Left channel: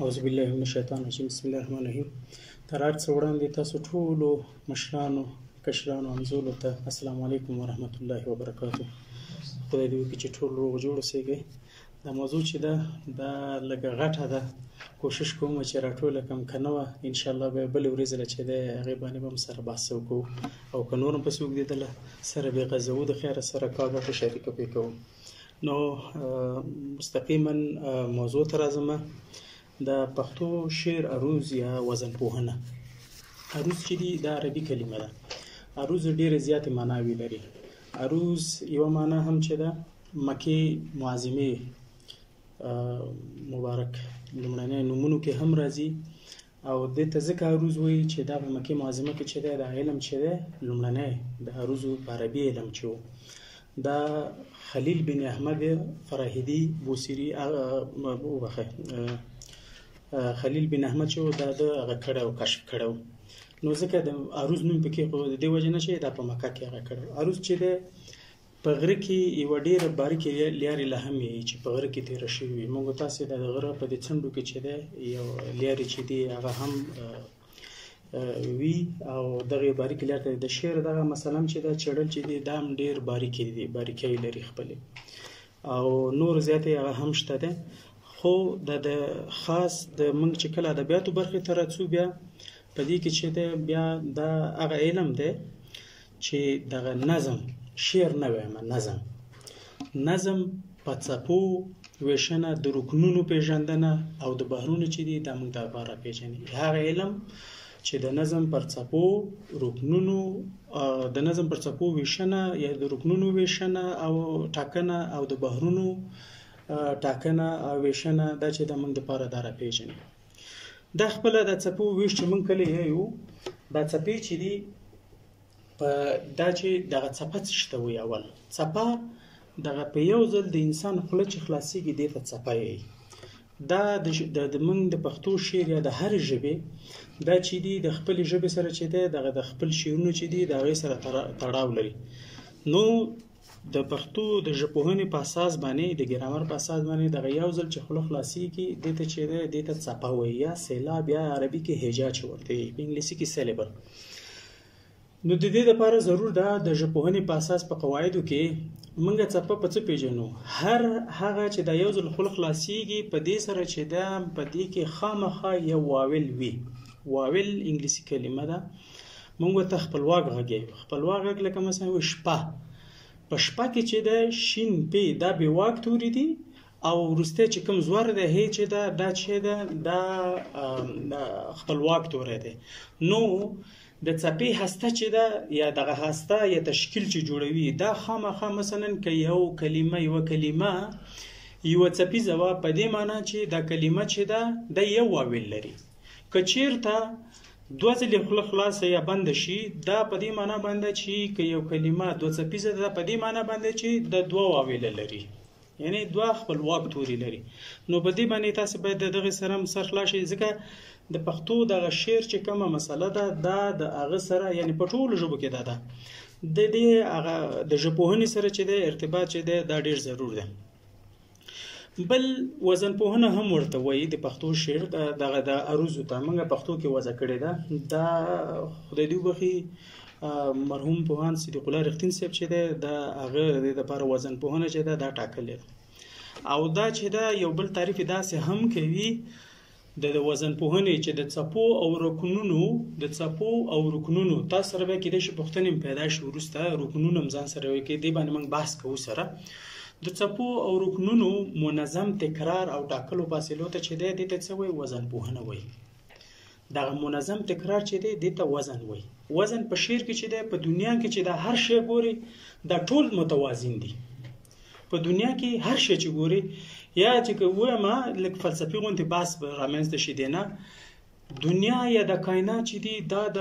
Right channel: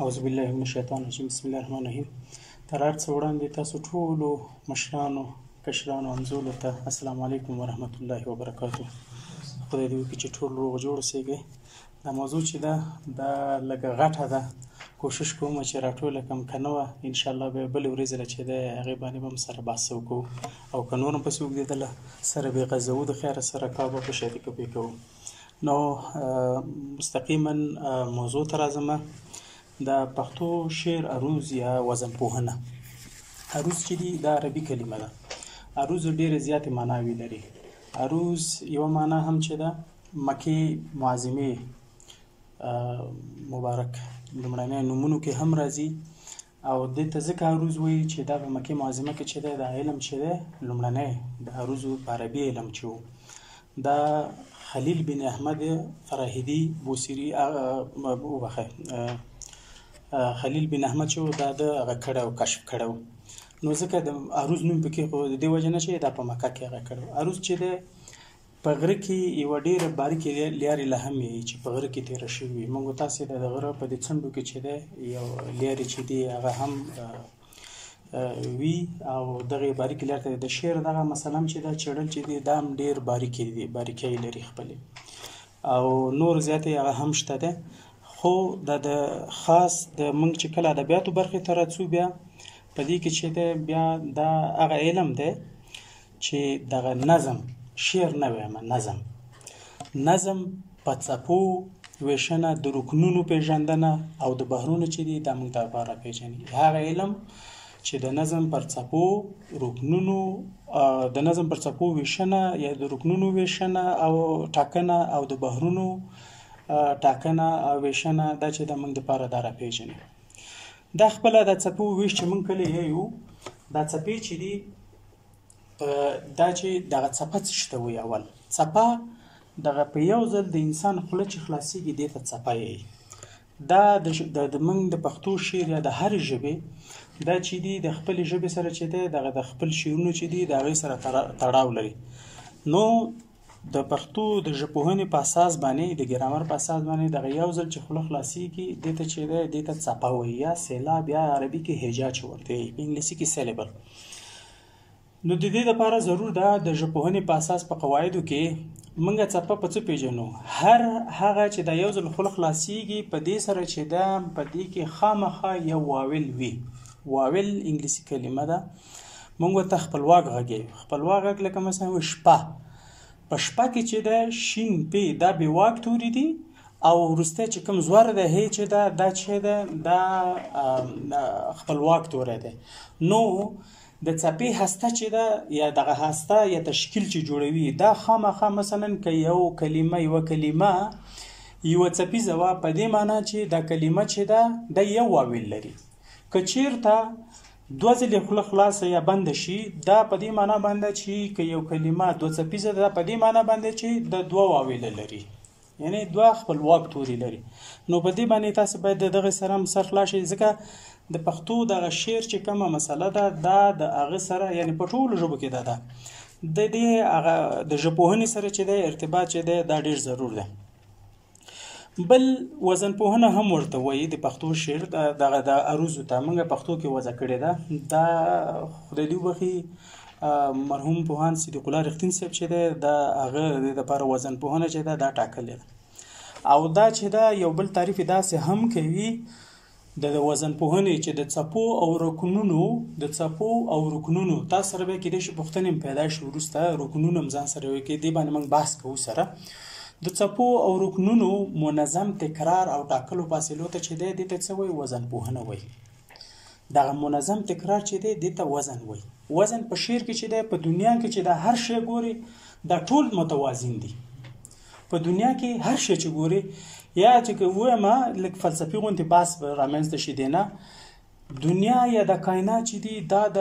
اعوذ بالله من الشیطان الرجیم بسم الله الرحمن الرحیم. تر هر څه وړاندې تاسو ټولو مشرانو کشرانو همزولو ته السلام علیکم ورحمت الله وبرکاتو. خدای دې وکړي چې ټول روغ جوړ اوسئ. دا موضوع چې ده دا لږه غټه ده، کوشش کوم چې راټوله کړم، که نه وه انشاءالله به بلې ورځې چې دی هغې باندې به هم سره بحث وکړو، او که نور هم پسې اوږدېدله سره به یې غځوو، د خیره سره کار به په شریکه پرې کوو. نو مستقیما موضوع ته راځم. د پښتو شعر عروض یا وزن پوهنه. عروض چې دي دا عربي کلمه ده. عروض ډېرې زیاتې معناوې لري. عروض یوه معنا هم چې ده مکې معظمې مبارک لومړنی نومونو کې هم راځي، او دې ته ځکه عروض وایي چې دا په مکې معظمه کې چې دی دا علم چې دی لومړنی د عروضو په عربي علم چې و، دا خلیل بن احمد فراهیدي بوصیري خلیل بن احمد چې دا د هغه کړی او کشف کړی. نو ځکه د عروض نوم پکې خو د دې وجې نه چې دا په مکه کې هغه کړی. عروض چې دی په غره کې یوه ډېره باریکې لیارې لا هم وي چې په غره کې تېره شوې وي. موږ تاسې د غره په دې څنډو کې چې دی یو لیارې چې دی هغه هم وي، او دغه باریکې لارې ته د شعر دغه مثلا چې دا چړل چې دی دا هم ډېر باریکۍ لري خپلې، او نور زیاتې هغه هم شته دی. خو د خاص د موږ چې کله ادبیاتو برخې ته راځو بیا په دې کې چې دی بیا دا هغه علم دی چې دغه نظم شعر نه وایم، نظم په څپو ویشنه، د رکنونو پیژندنه او د بحرونو چې دي دا موږ دپاره پیژني. هغه علم چې د نظم پر څپو رکنونو د نظم پر څپو ویشنه یا د رکنونو ویشنه او ټاکنه او د بحرونو ټاکنه او ویشنه دا چې د موږ دپاره دا راپېژني. دا خپله د څپو ویش چې موږ کله یو دا څپې چې دي دا چې دغه څپه څه شته وي. اول څپه دغه په یو ځل د انسان خوله چې خلاصېږي دې ته څپه یي. دا د موږ د پښتو شعر یا د هرې ژبې دا چې دي د خپلې ژبې سره چې دی دغه د خپل شعرونو چې دي د هغې سره تړاو لري. نو د پښتو د ژبپوهنې په اساس باندې د ګرامر په اساس باندې دغه یو ځل چې خوله خلاصېږي دې ته چې دی دې ته څپه وایي، یا سیلاب، یا عربي کې هجا چې ورته وایي، په انګلیسي کې سیلیبل. نو د دې لپاره ضرور ده د ژبپوهنې په اساس په قواعدو کې موږ څپه په څه پېژنو. هر هغه چې دا یو ځل خوله خلاصېږي په دې سره چې دا په دې کې خامخا یو واول وي. واول انګلیسي کلمه ده، موږ ورته خپلواک غږ یو. خپلواک غږ لکه مثلا شپه، په شپه کې چې ده شین پې دا بې واک توري دي، او وروستی چې کوم زور ده هی چې ده دا چې ده دا خپلواک توری دی. نو د څپې هسته چې ده یا دغه هسته یا تشکیل چې جوړوي دا خامخا مثلا که یوه کلمه یوه څپیزه وه په دې معنا چې دا کلمه چې ده دا یو واویل لري. که چېرته دوه ځلې خوله خلاصه یا بنده شي دا په دې معنا باندې چې که یو کلمه دوه څپیزه ده په دې معنا باندې چې د دوه واویله لري، یعنی دوه خپلواک توري لري. نو په دې باندې تاسو باید دغه سره سر خلاص شئ، ځکه د پښتو دغه شعر چې کومه مسله ده دا د هغه سره یعنی په ټولو ژبو کې ده د دې هغه د ژبپوهنې سره چې دی ارتباط چې دی دا ډېر ضرور دی. بل وزن پوهنه هم ورته وایي د پښتو شعر دغه د عروضو ته موږ پښتو کې وضع کړې ده. دا خدای دې وبخي مرحوم پوهان صدیق الله رښتین صاحب چې دی د هغه د دپاره وزن پوهنه چې ده دا ټاکلې ده. او دا چې ده یو بل تعریف داسې هم کوي د وزن پوهنې چې د څپو او رکنونو تاسو سره به کېدای شي پوښتنې پیدا شي وروسته رکنونه هم ځان سره وکړي، دې باندې موږ بحث کوو سره. د څپو او رکنونو منظم تکرار او ټاکلو فاصلو ته چې دی دې ته څه وایي؟ وزن پوهنه وایي. دغه منظم تکرار چې دی دې ته وزن وایي. وزن په شعر کې چې دی په دنیا کې چې دا هر شی ګوري دا ټول متوازن دي. په دنیا کې هر شی چې ګوري یا چې وایم لږ فلسفي غوندې بحث به رامنځته شي دی نه، دنیا یا د کائنات چې دی دا د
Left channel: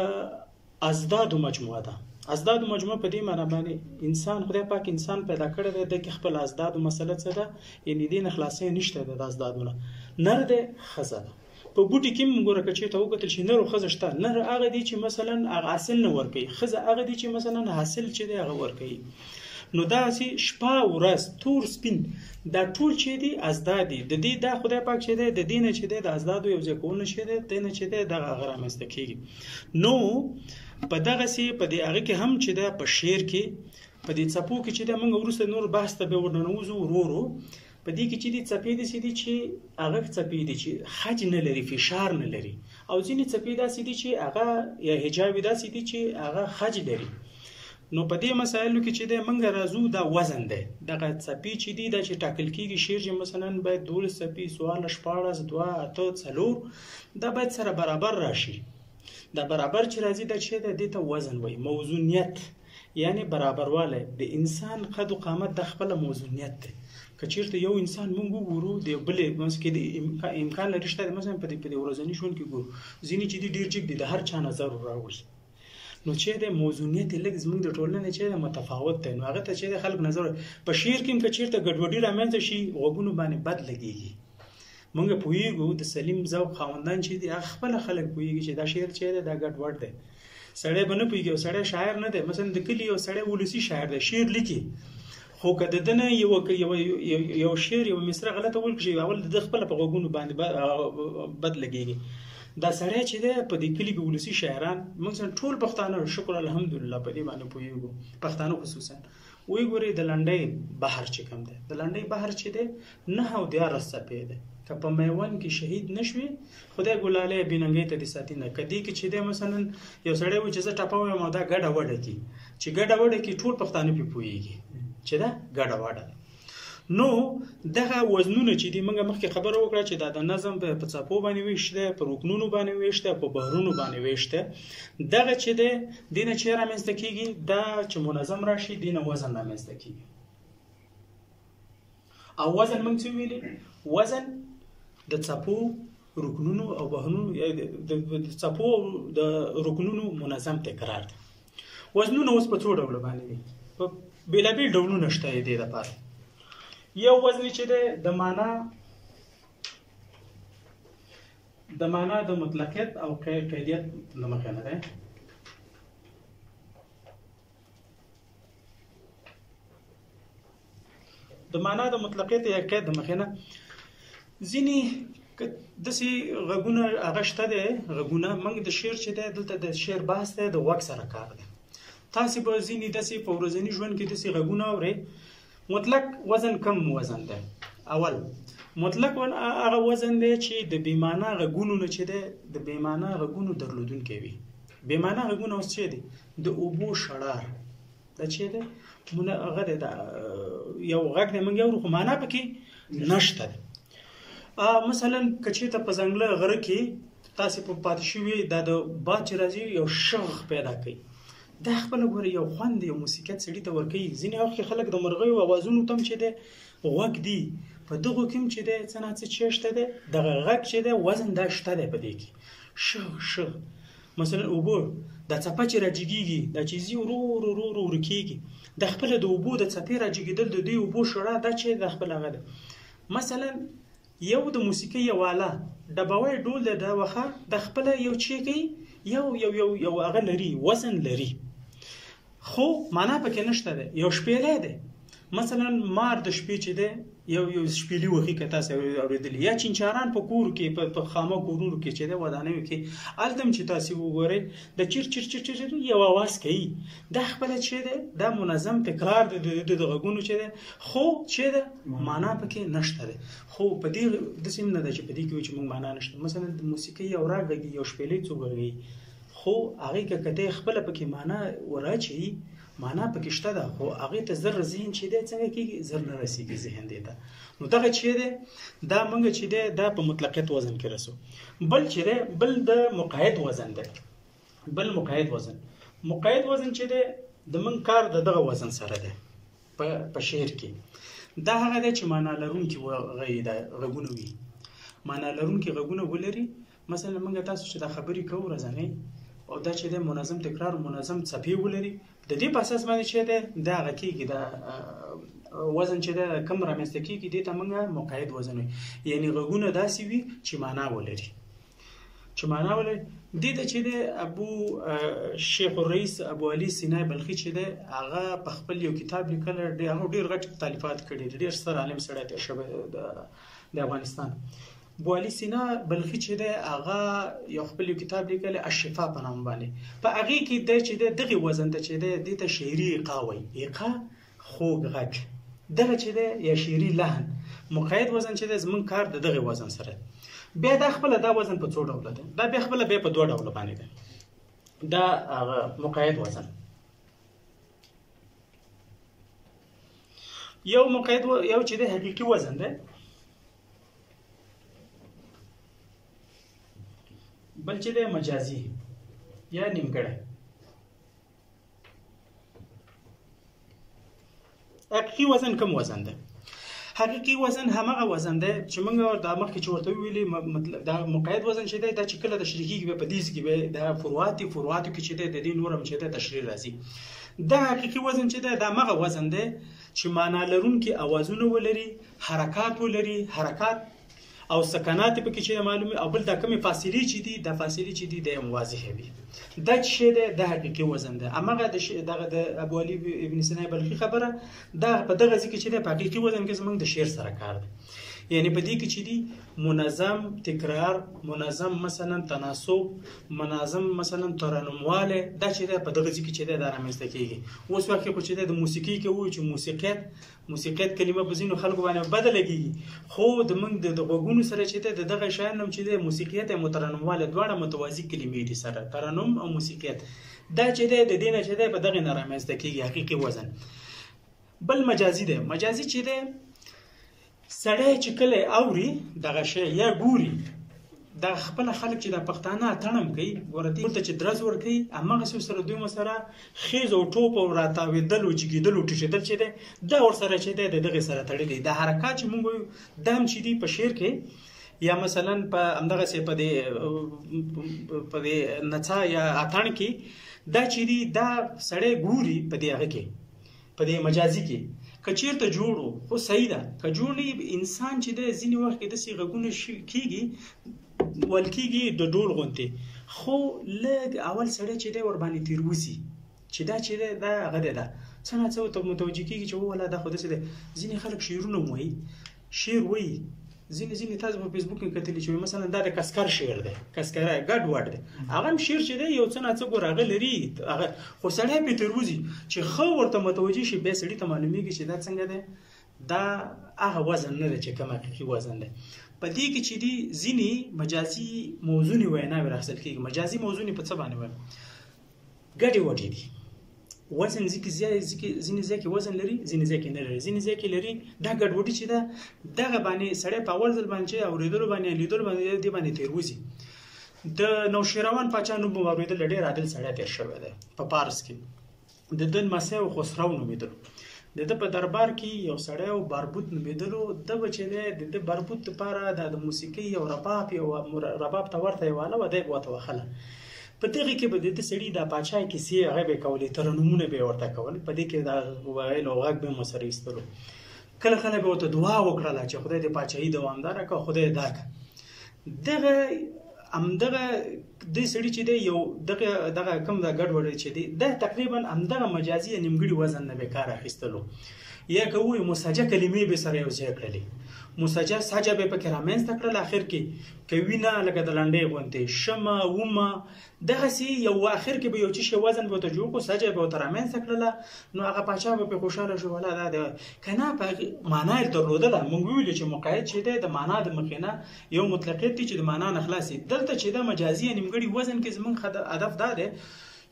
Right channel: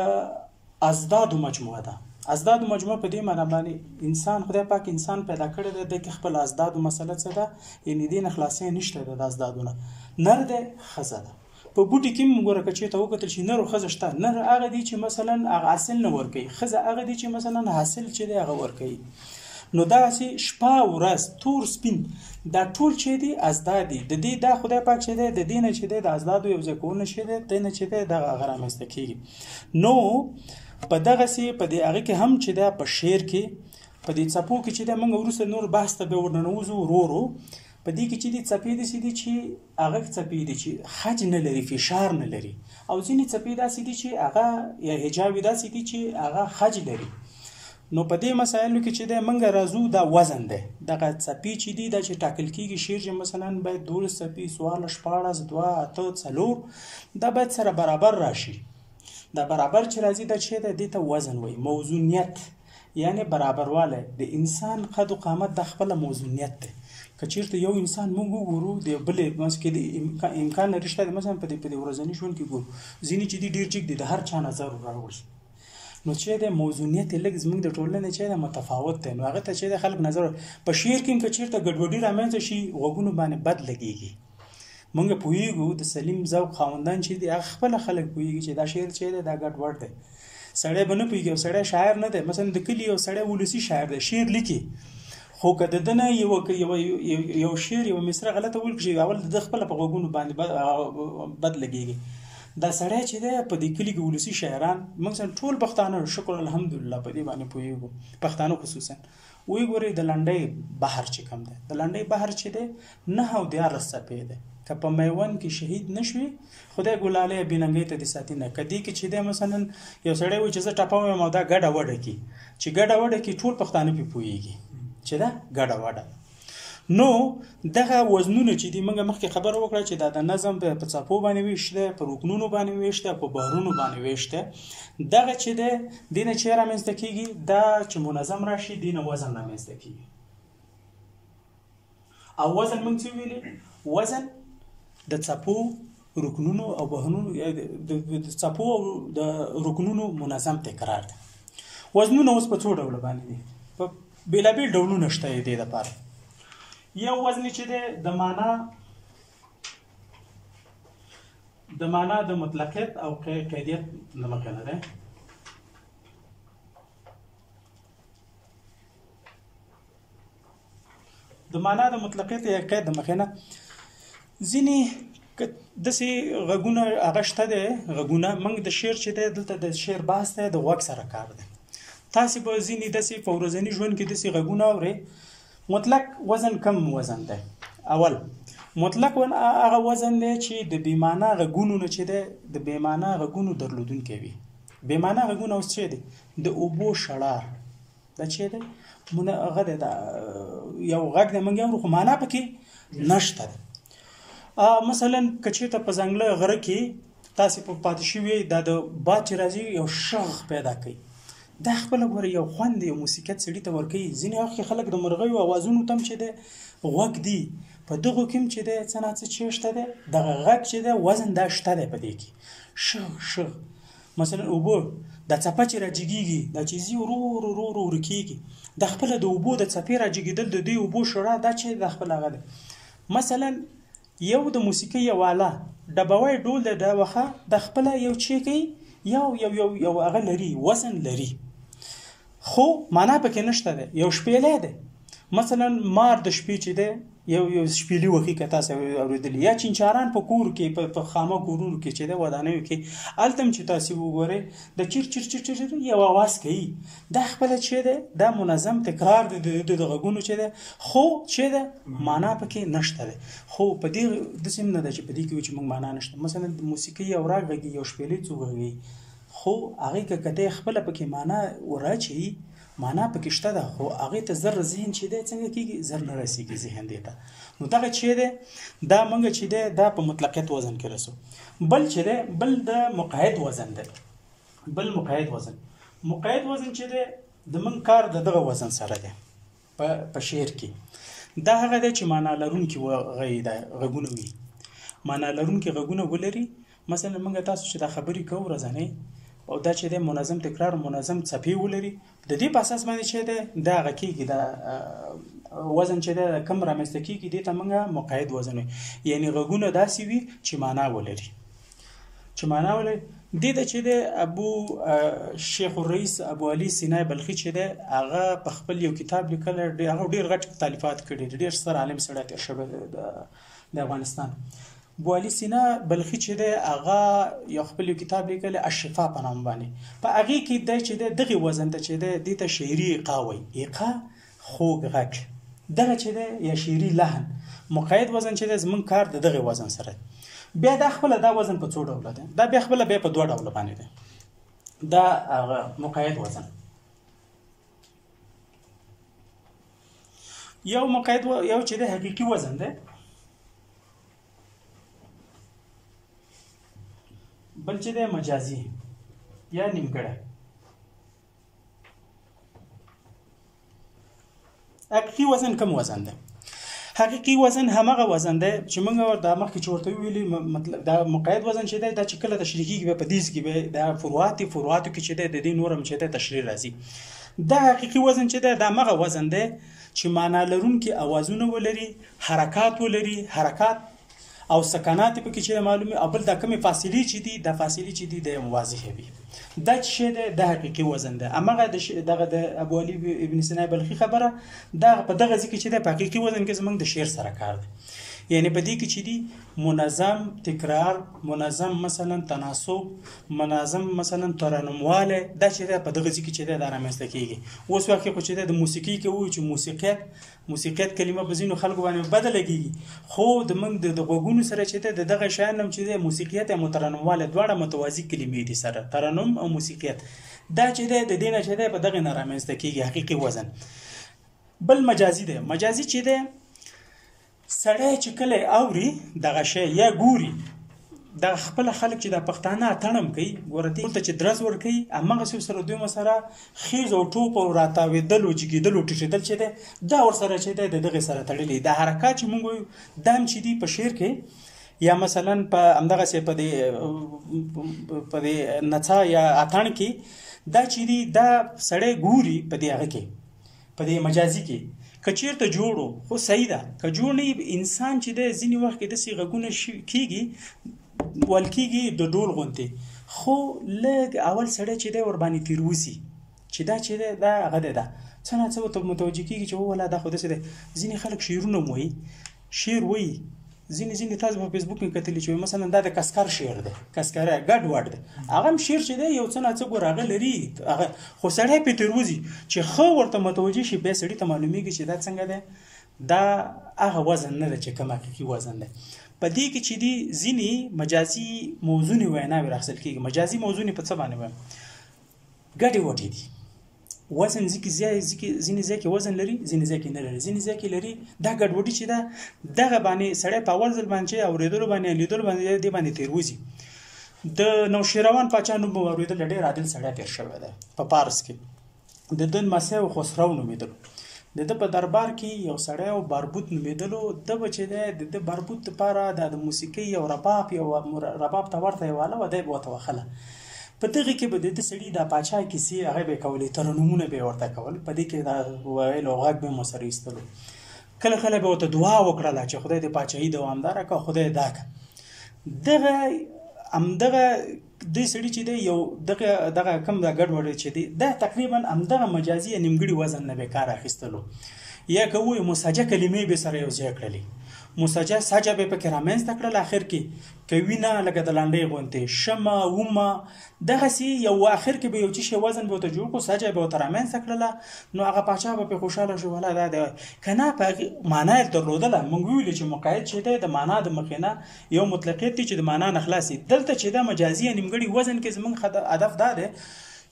ازدادو مجموعه ده. ازدادو مجموعه په دې معنا باندې انسان خدای پاک انسان پیدا کړی دی، د کې خپل ازدادو مسله څه ده؟ یعنې دې نه خلاصې نشته د ازدادونه. نر دی ښځه ده. په بوټي کې موږ ګوره که چېرته وکتل چې نر او ښځه شته. نر هغه دی چې مثلا هغه حاصل نه ورکوي، ښځه هغه دی چې مثلا حاصل چې دی هغه ورکوي. نو داسې شپه ورځ تور سپین دا ټول چې دي ازداد دي. د دې دا خدای پاک چې دی د دې نه چې دی د ازدادو یو ځای کول نه شي دی دی نه چې دی دغه هغه رامنځته کېږي. نو په دغسې په دې هغه کې هم چې دی په شعر کې په دې څپو کې چې دی موږ وروسته نور بحث ته به ورننوځو ورو ورو. په دې کې چې دي څپې داسې دي چې هغه څپې دي چې خج نه لري، فشار نه لري، او ځینې څپې داسې دي چې هغه یا حجاب داسې دي چې هغه خج لري. نو په دې مسایلو کې چې دی موږ راځو دا وزن دی. دغه څپې چې دي دا چې ټاکل کېږي شعر چې مثلا باید 12 څپې 14 14 2 8 4 دا باید سره برابر راشي. دا برابر چې راځي دا چې دی دې ته وزن وایي. موزونیت یعنی برابروالی. د انسان قد و قامت د خپل موزونیت دی. که چیرته یو انسان موږ وګورو د بلې مثلا کې د امکان لري شته مثلا په دې ورځني ژوند کې ګورو ځینې چې دي ډېر جګ دي د هر چا نظر راوړي. نو چې د موزونیت لږ زموږ د ټولنې چې د متفاوت دی. نو هغه ته چې د خلک نظر په شعر کې که چیرته ګډوډي رامنځته شي غوږونو باندې بد لګېږي. موږ پوهېږو د سلیم ذوق خاوندان چې دي هغه خپله خلک پوهېږي چې دا شعر چې دی دا ګډوډ دی. سړی به نه پوهېږي او سړی شاعر نه دی. مثلا د کلي یو سړی ولسي شاعر دی شعر لیکي، خو که د ده نه یو شعر یو مصره غلطه ولیکي اول د ده خپله په غوږونو باندې بد لګېږي. دا سړی چې دی په دې کلي کې ولسي شاعران موږ ټول پښتانه شکر الحمدلله په دې باندې پوهېږو، پښتانه خصوصا وایي ګورئ د لنډۍ بحر چې کوم دی د لنډۍ بحر چې دی 9 او 11 څپې دی. که په میوند کې شهید نشوي خدای ګلالۍ بېننګۍ ته دې ساتي نه. که دې کې چې دی مثلا یو سړی وایي چې زه ټپه وایم او دا ګډه وډه کې چې ګډه وډه کې ټول پښتانه پې پوهېږي چې دا ګډه وډه. نو دغه وزنونه چې دي موږ مخکې خبره وکړه چې دا د نظم په څپو باندې ویشت دی، په رکنونو باندې ویشت دی، په بحرونو باندې ویشت دی. دغه چې دی دې نه چې رامنځته کېږي دا چې منظم راشي دې نه وزن رامنځته کېږي. او وزن موږ څه ویلي؟ وزن د څپو رکنونو او بحرونو د څپو او د رکنونو منظم تکرار دی. وزنونه اوس په څو ډوله باندې دي؟ په بېلابېل ډولونه شته یې دې دپاره. یو وزن چې دی د معنا د مطلقیت او قیدیت له مخې نه دی. د معنا د مطلقیت یا قید د مخې نه ځینې داسې غږونه هغه شته دی غږونه موږ د شعر چې دی دلته د شعر بحث دی د غوږ سره کار دی. تاسې به ځینې داسې په ورځني ژوند کې داسې غږونه اورئ. مطلق وزن کم وزن دی. اول مطلق هغه وزن دی چې د بېمعنا غږونو نه چې دی د بېمعنا غږونو درلودونکی وي. بېمعنا غږونه اوس چې دی د اوبو شړار دا چې دی هغه دی یو غږ دی موږ اورو خو معنا پکې نشته دی. مثلا که چېرته په ځنګله غره کې تاسې په پاتې شوي دا د باد چې راځي یو شغ پیدا کوي. دا خپله ګوره یو خوند یو موسیقیت سړي ته ورکوي. ځینې وخت کې خلک د مرغیو اوازونو ته هم چې دی غوږ دي په دغو کې هم چې دی څه نه څه چې شته دی دغه غږ چې دی وزن دا شته دی په دې کې شغ شغ. مثلا اوبه دا څپه چې راجګېږي دا چې ځي ورو ورو ورو ورو ورکېږي د خپله د اوبو د څپې راجګېدل د دې اوبو شړا دا چې د خپل هغه دی. مثلا یو د موسیقۍ یو آله ډبوی ډول دی دا وخه د خپله یو چې کوي یو هغه لري وزن لري خو معنا پکې نشته دی. یو شپېلی دی مثلا مار د شپې چې دی یو شپېلي وخي که تاسو اورېدلي یا چینچاران په کور کې په خامه کورونو کې چې دی ودانیو کې هلته هم چې تاسې وګورئ د چیر چیر چیر چیر یو اواز کوي. دا خپله چې دی دا منظم تکرار دی د غږونو چې دی خو چې دی معنا پکې نشته دی. خو په دې داسې هم نه ده چې په دې کې چې موږ معنا نشته. مثلا د موسیقۍ یو راګ غږي یو شپېلي څو غږي خو هغې که دی خپله پکې معنا وراچوي معنا پکې شته ده خو هغې ته زر ذهن چې دی څنګه کېږي زر نه رسېږي ذهن دې ته. نو دغه چې دی دا موږ چې دی دا په مطلقیت وزن کې رسو. بل چې دی بل د مقید وزن دی. بل مقید وزن چې دی د موږ کار د دغه وزن سره دی په شعر کې. دا هغه دی چې معنا لرونکي غږونه وي. معنا لرونکي غږونه ولري. مثلا موږ تاسو چې دا خبرې کوو ورځنۍ او دا چې دی منظم تکرار منظم څپې ولري د دې په اساس باندې چې دی دا هغه کېږي دا وزن چې دی کم رامنځته کېږي دې ته موږ مقید وزن وایي. یعنې غږونه داسې وي چې معنا ولري. چې معنا ولې دې د چې د ابو شیخ الرئیس ابو علي سینای بلخي چې د هغه په خپل یو کتاب لیکل هغه ډیر غټ تالیفات کړي ډیر ستر عالم سره تیر شوی د افغانستان ابو علي سینا بلخي چې د هغه یو خپل یو کتاب لیکل الشفاء په نام باندې په هغه کې د چې دغه وزن ته چې د ته شعري قاوي ایقا خوږ غږ دغه چې د یا شعري لحن مقید وزن چې د زمون کار دغه وزن سره بیا د خپل دا وزن په څو ډول ده دا بیا خپل بیا په دوه ډول باندې ده دا مقید وزن یو مقید یو چې د حقيقي وزن ده بل چې د مجازي یا نیمګړی حقيقي وزن کوم وزن ده حقيقي وزن همغه وزن دی چې موږ د مخکې چې ورته ویلي مطلب دا مقید وزن چې دی دا چې کله تشریحي کې په دیس کې به دا فروعاتو کې چې دی د دې نورم چې دی تشریح راځي دا حقيقي وزن چې دی دا مغه وزن دی چې معنا لرونکي اوازونه ولري حرکات ولري حرکات او سکانات په کې چې معلومه او بل دا کومه فاصله چې دی د فاصله چې دی د واضحه وي دا چې د حقيقي وزن ده امغه دغه د ابو علي ابن سینا بلخي خبره دا په دغه ځکه چې د حقيقي وزن کې زمونږ د شعر سره کار دی یعنی په دې کې چې دی منظم تکرار منظم مثلا تناسب منظم مثلا ترنمواله دا چې په دغه ځکه چې دا رامنځته کیږي اوس وخت کې چې د موسیقي کې وایي چې موسیقیت کلمه په ځینو خلکو باندې بدله کیږي خو د موږ د غوګونو سره چې دغه شان هم چې د موسیقیت او ترنمواله دواړه متوازی کلمې دي سره ترنم او موسیقیت دا چې د دینه چې په دغه رامنځته کیږي حقيقي وزن بل مجازي ده مجازي چې ده سړی چې کله اوري دغه شی یا ګوري د خپل خلک چې د پښتانه تړم کوي ګورته چې درز ور کوي امغه سره دوی مسره خیز او ټوپ او راتاویدل او جګیدل او ټیټیدل چې دا ور سره چې دغه سره تړلې د حرکت چې مونږ دام چې دی په شعر کې یا مثلا په امدغه سي په دې نڅا یا اتان کې دا چې دی دا سړی ګوري په دې هغه کې په دې مجازي کې کچیرته جوړو خو صحیح ده که جوړ نه انسان چې د ځینی وخت کې د سی غږونه کیږي ولکیږي د ډول غونته خو لږ اول سړی چې د ور باندې تیروسی چې دا چې دا هغه ده څنګه څه ته متوجه کیږي چې ولا دا خو د څه ځینی خلک شعرونه وایي شعر وایي ځینې تاسو په فیسبوک کې کتلی چې مثلا دا د کسکر شعر ده کسکر ګډ وډ ده هغه شعر چې دی یو څه نه څه ګورغه لري هغه خو سړی په تروزی چې خو ورته متوجه شي به سړی ته معلومیږي چې دا څنګه ده دا هغه وزن نه ده چې کوم حقيقي وزن ده په دې کې چې دی ځینې مجازي موضوعي وینا ورخصل کیږي مجازي موضوعي په څه باندې وایي ګډي وټي دي وزن ځکه ځینې ځکه وزن لري ځینې ځکه نه لري ځینې ځکه لري دا ګډوډي چې دا دغه باندې سړی په اول ځل باندې اوریدلو باندې لیدلو باندې دی باندې تیروزي د نوشیروان پاچا نوم اوریدل ډېر عادل سړی تیر شوی دی په پارس کې د دن مسیح او خسرو نومیدل د په دربار کې یو سړی او باربوت نومیدلو د بچی د باربوت لپاره د موسیقي او رباب ته ورته یواله و دی بوته وخله په دغه کې به د سړي د پاچا کیسې هغه به کولې ترنمونه به ورته کول په دې کې دا ویل او غږ به مسری استلو کله کله به ته دعا وکړه چې خدای دې پاچاهي دوامدار کړي خدای داک دغه د سړي چې دی یو دغه کم دا ګډ وړ چې دی دا تقریبا همدغه مجازي نیمګړي وزن نه به کار اخیستلو یا کوی مساجه کلمې به سره یو ځای کړلې مساجه ساجه به پکې رامنځته کړل اخر کې کوینه لکه د لاندې غونته شمه ومه دغه سی یو اخر کې به یو چې وزن به ته جوړ کو ساجه به تر رامنځته کړل نو هغه پاچا به خوشاله شو ولا دا کنه په معنا درلودل مونږ ویل چې مقاید چې د معنا د مخینه یو مطلقیت چې د معنا نه خلاصي دلته چې د مجازي نیمګړي وزن کې زمونږ هدف دا ده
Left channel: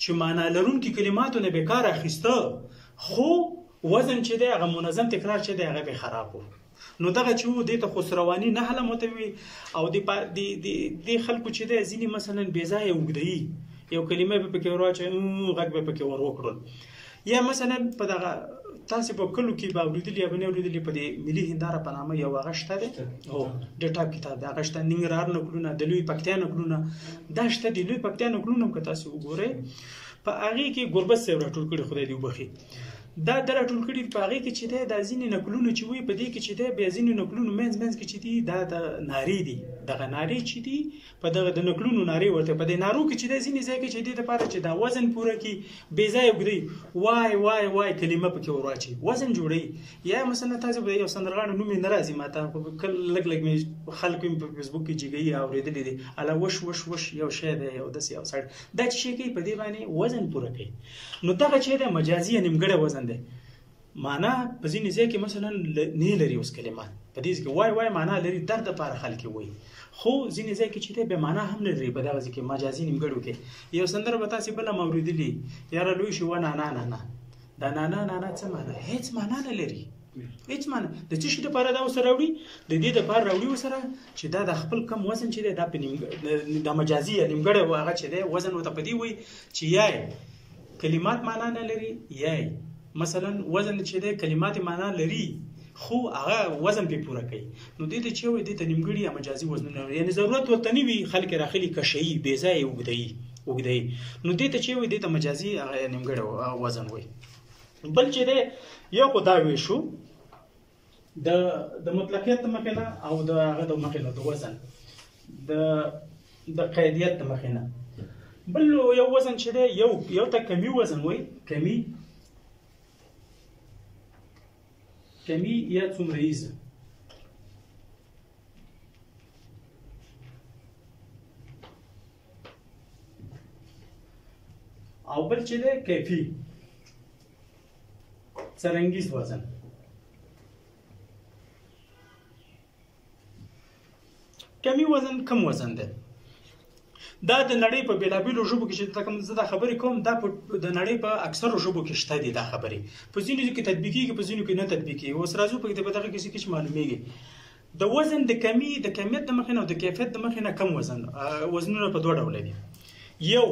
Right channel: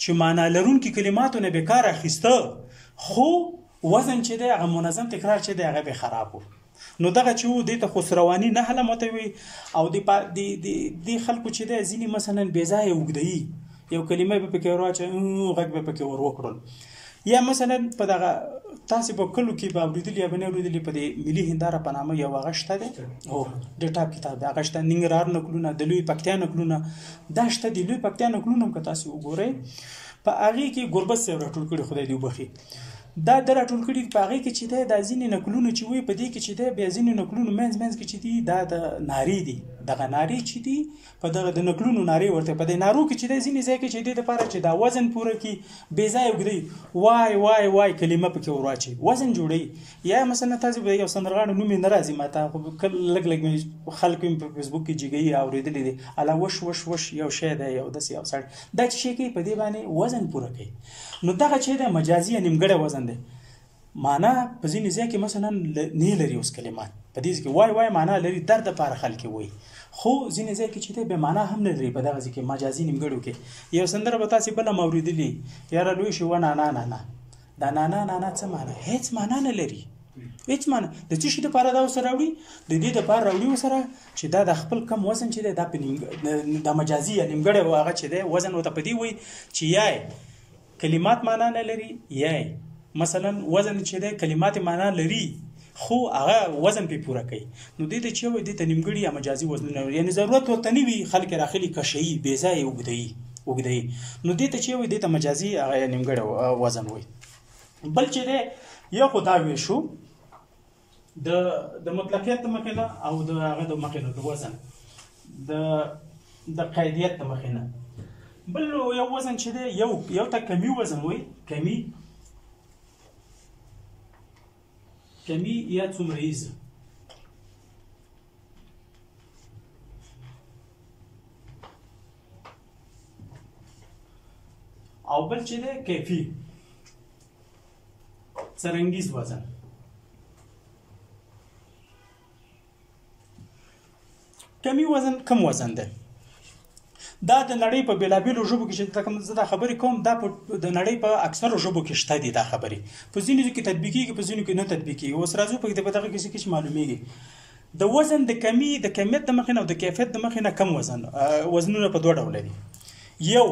چې معنا لرونکي کلماتو نه به کار اخیسته خو وزن چې د منظم تکرار چې د هغه به خراب وو نو دغه چې د ته خسروانی نه حل متوي او د خلکو چې د ځینی مثلا بیزای وګدی یو کلمه به پکې راځي غږ به پکې ور وکړل یا مثلا په دغه تاسو په کلو کې به اوریدلی یا بنه اوریدلی په ملي هنداره په نامه یو غشته ده او ډیټا کتاب دا غشته ننګرهار نکلونه د لوی پکتیا نکلونه دا شته د لوی پکتیا نکلونه که تاسو وګورئ په هغه کې ګربت سره ټول کړي خدای دی وبخي دا د راټول کړي په هغې کې چې دی دا ځینې نکلونه چې وي په دې کې چې دی بیا ځینې نکلونو منځ منځ کې چې دي دا د نارې دي دغه نارې چې دي په دغه د نکلونو نارې ورته په دې نارو کې چې دی ځینې ځای کې چې دی دپاره چې دا وزن پوره کړي بې ځایه اوږدوي وای وای وای کلمه پکې ور واچوي وزن جوړوي یا مثلا تاسو به یو سندرغاړی نوم یې نه راځي ما ته لږ لږ مې خلکو مې په فیسبوک کې جګوي اورېدلي دي اله وش وش وش یو شی دی یو داسې یو سړی دا چې شی کوي په دې باندې وزن پوره کوي نو دغه چې دی مجازي یا نیمګړی وزن دی معنا په ځینې ځای کې مثلا نه لري اوس کلمات په دې کې وای وای معنا لري درد لپاره خلک وایي خو ځینې ځای کې چې دی بې معنا هم نه لري په دغه ځای کې مجازي نیمګړو کې یو سندره به تاسې بله م اورېدلي یاره لوی شي و نانا نانا دا نانا نانا څه معنا هېڅ معنا نه لري هېڅ معنا د څه شي دپاره دا ورسره راوړي د دې دپاره راوړي ورسره چې دا د خپل کم وزن چې دی دا په د مجازي یا نیمګړی هغه چې دی وزن ورته په دې وایي چې یای کلمات معنا نه لري یای مثلا وزن چې دی کلمات معنا لري خو هغه وزن په پوره کوي نو دې ته چې وي دې ته نیمګړي یا مجازي وزنونه یعنی ضرورت ورته نه وي خلک راخلي کشي بې ځایه اوږدوي نو دې ته چې وي دې ته مجازي هغه نیمګړی وزن وي بل چې دی یا خو دا وی شو د مطلقیت د مخې نه او د هغه د مخې نه د وزن د قیدیت د مخې نه بل یو وزن چې دی یو ته کمی وزن وي کمی یا څومره ایزه او بل چې دی کیفي څرنګیز وزن کمی وزن کم وزن دی دا د نړۍ په بېلابېلو ژبو کې چې زه دا خبرې کوم دا د نړۍ په اکثرو ژبو کې شته دي دا خبرې په ځینو کې تطبیقېږي په ځینو کې نه تطبیقېږي اوس راځو په دغه کیسې کې چې معلومیږي د وزن د کمیت د مخې نه او د کیفیت د مخې نه کم وزنونه په دوه ډوله دي یو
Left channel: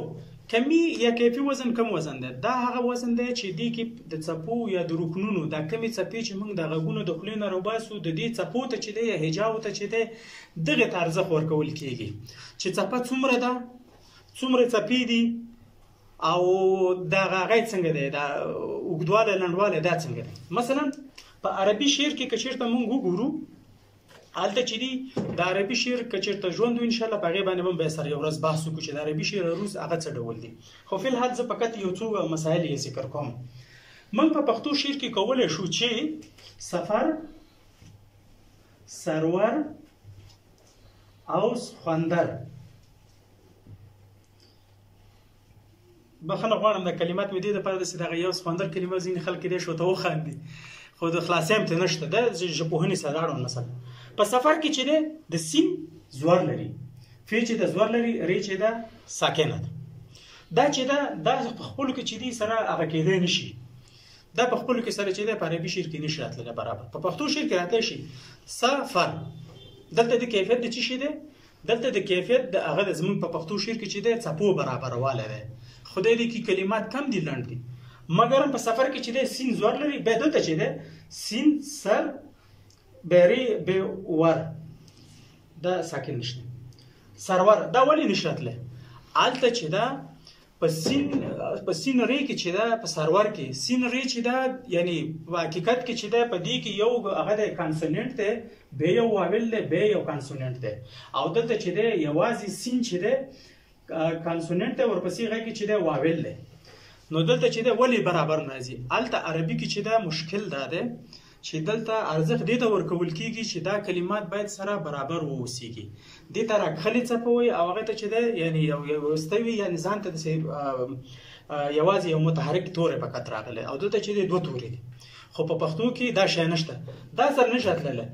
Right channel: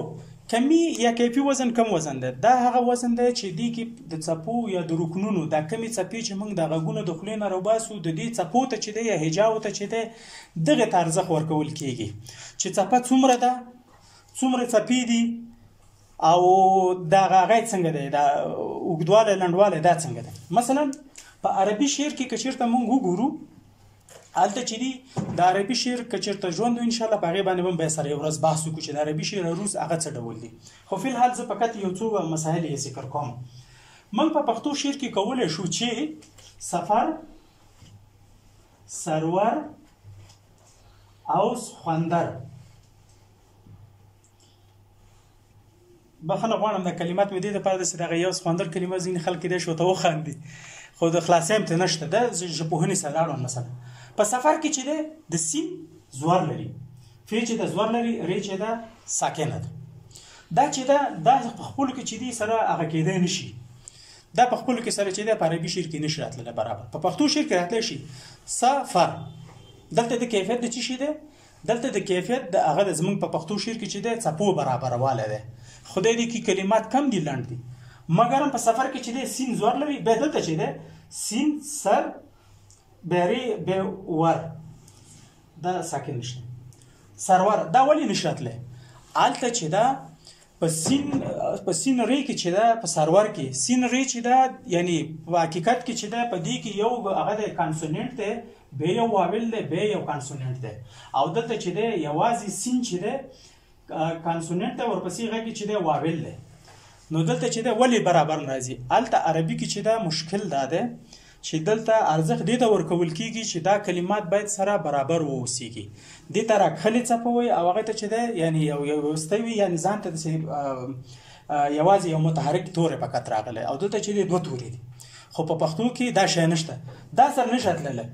کمی یا کیفي وزن کم وزن دی دا هغه وزن دی چې دې کې د څپو یا د رکنونو دا کمې څپې چې موږ د غږونو د خولې نه راوباسو د دې څپو ته چې دی یا هجاو ته چې دی دغې ته ارزښت ورکول کېږي چې څپه څومره ده څومره څپې دي او دا غږ څنګه دی دا اوږدوالی لنډوالی دا څنګه دی مثلا په عربي شعر کې که چېرته موږ وګورو هلته چې دي د عربي شعر که چېرته ژوند وي انشاءالله په هغې باندې به بیا سره یو ورځ بحث وکړو چې د عربي شعر عروض هغه څه ډول دي خو فی الحال زه فقط یو څو مسایل یې ذکر کوم موږ په پښتو شعر کې کولی شو چې سفر سرور او سخوندر بخښنه غواړم د کلمات مې دې دپاره داسې دغه یو سخوندر کلمه ځینې خلک کېدای شي ورته وخاندي خو د خلاصۍ هم ترې نشته ده زه ژبپوهنې سره لاړم مثلا په سفر کې چې دی د سین زور لري فی چې د زور لري ری چې ده ساکنه ده دا چې ده دا په خپلو کې چې دی سره هغه کېدی نه شي دا په خپلو کې سره چې دی په عربي شعر کې نه شي راتللی برابر په پښتو شعر کې راتلی شي سفر دلته د کیفیت د څه شي دی دلته د کیفیت د هغه د زموږ په پښتو شعر کې چې دی څپو برابروالی دی خدای دې کې کلمات کم دي لنډ دي مګر په سفر کې چې دی سین زور لري بیا دلته چې دی سین سر بری به ور دا ساکن نشته سرور دا ولی نشاتله الته چې دا په سین ری کې چې دا په سرور کې سین ری چې دا یعنی په حقیقت کې چې دا په دې کې یو هغه د کانسوننت دی به یو واول دی به یو کانسوننت دی او دلته چې دی یوازې سین چې دی کانسوننت دی ورپسې هغه کې چې دی واول دی نو دلته چې دی ولی برابر راځي الته عربي کې چې دا مشکل دا دی چې دلته ارزښت دې ته ورکول کېږي چې دا کلمات باید سره برابر واوسېږي دې ته راکښلې څپه وایي او هغې ته چې دی یعنې یو وسته وي یعنې ځان ته داسې یوازې یو متحرک توری فقط راغلی او دلته چې دی دوه تورې دي خو په پښتو کې دا شی نشته دا سره نشي تللی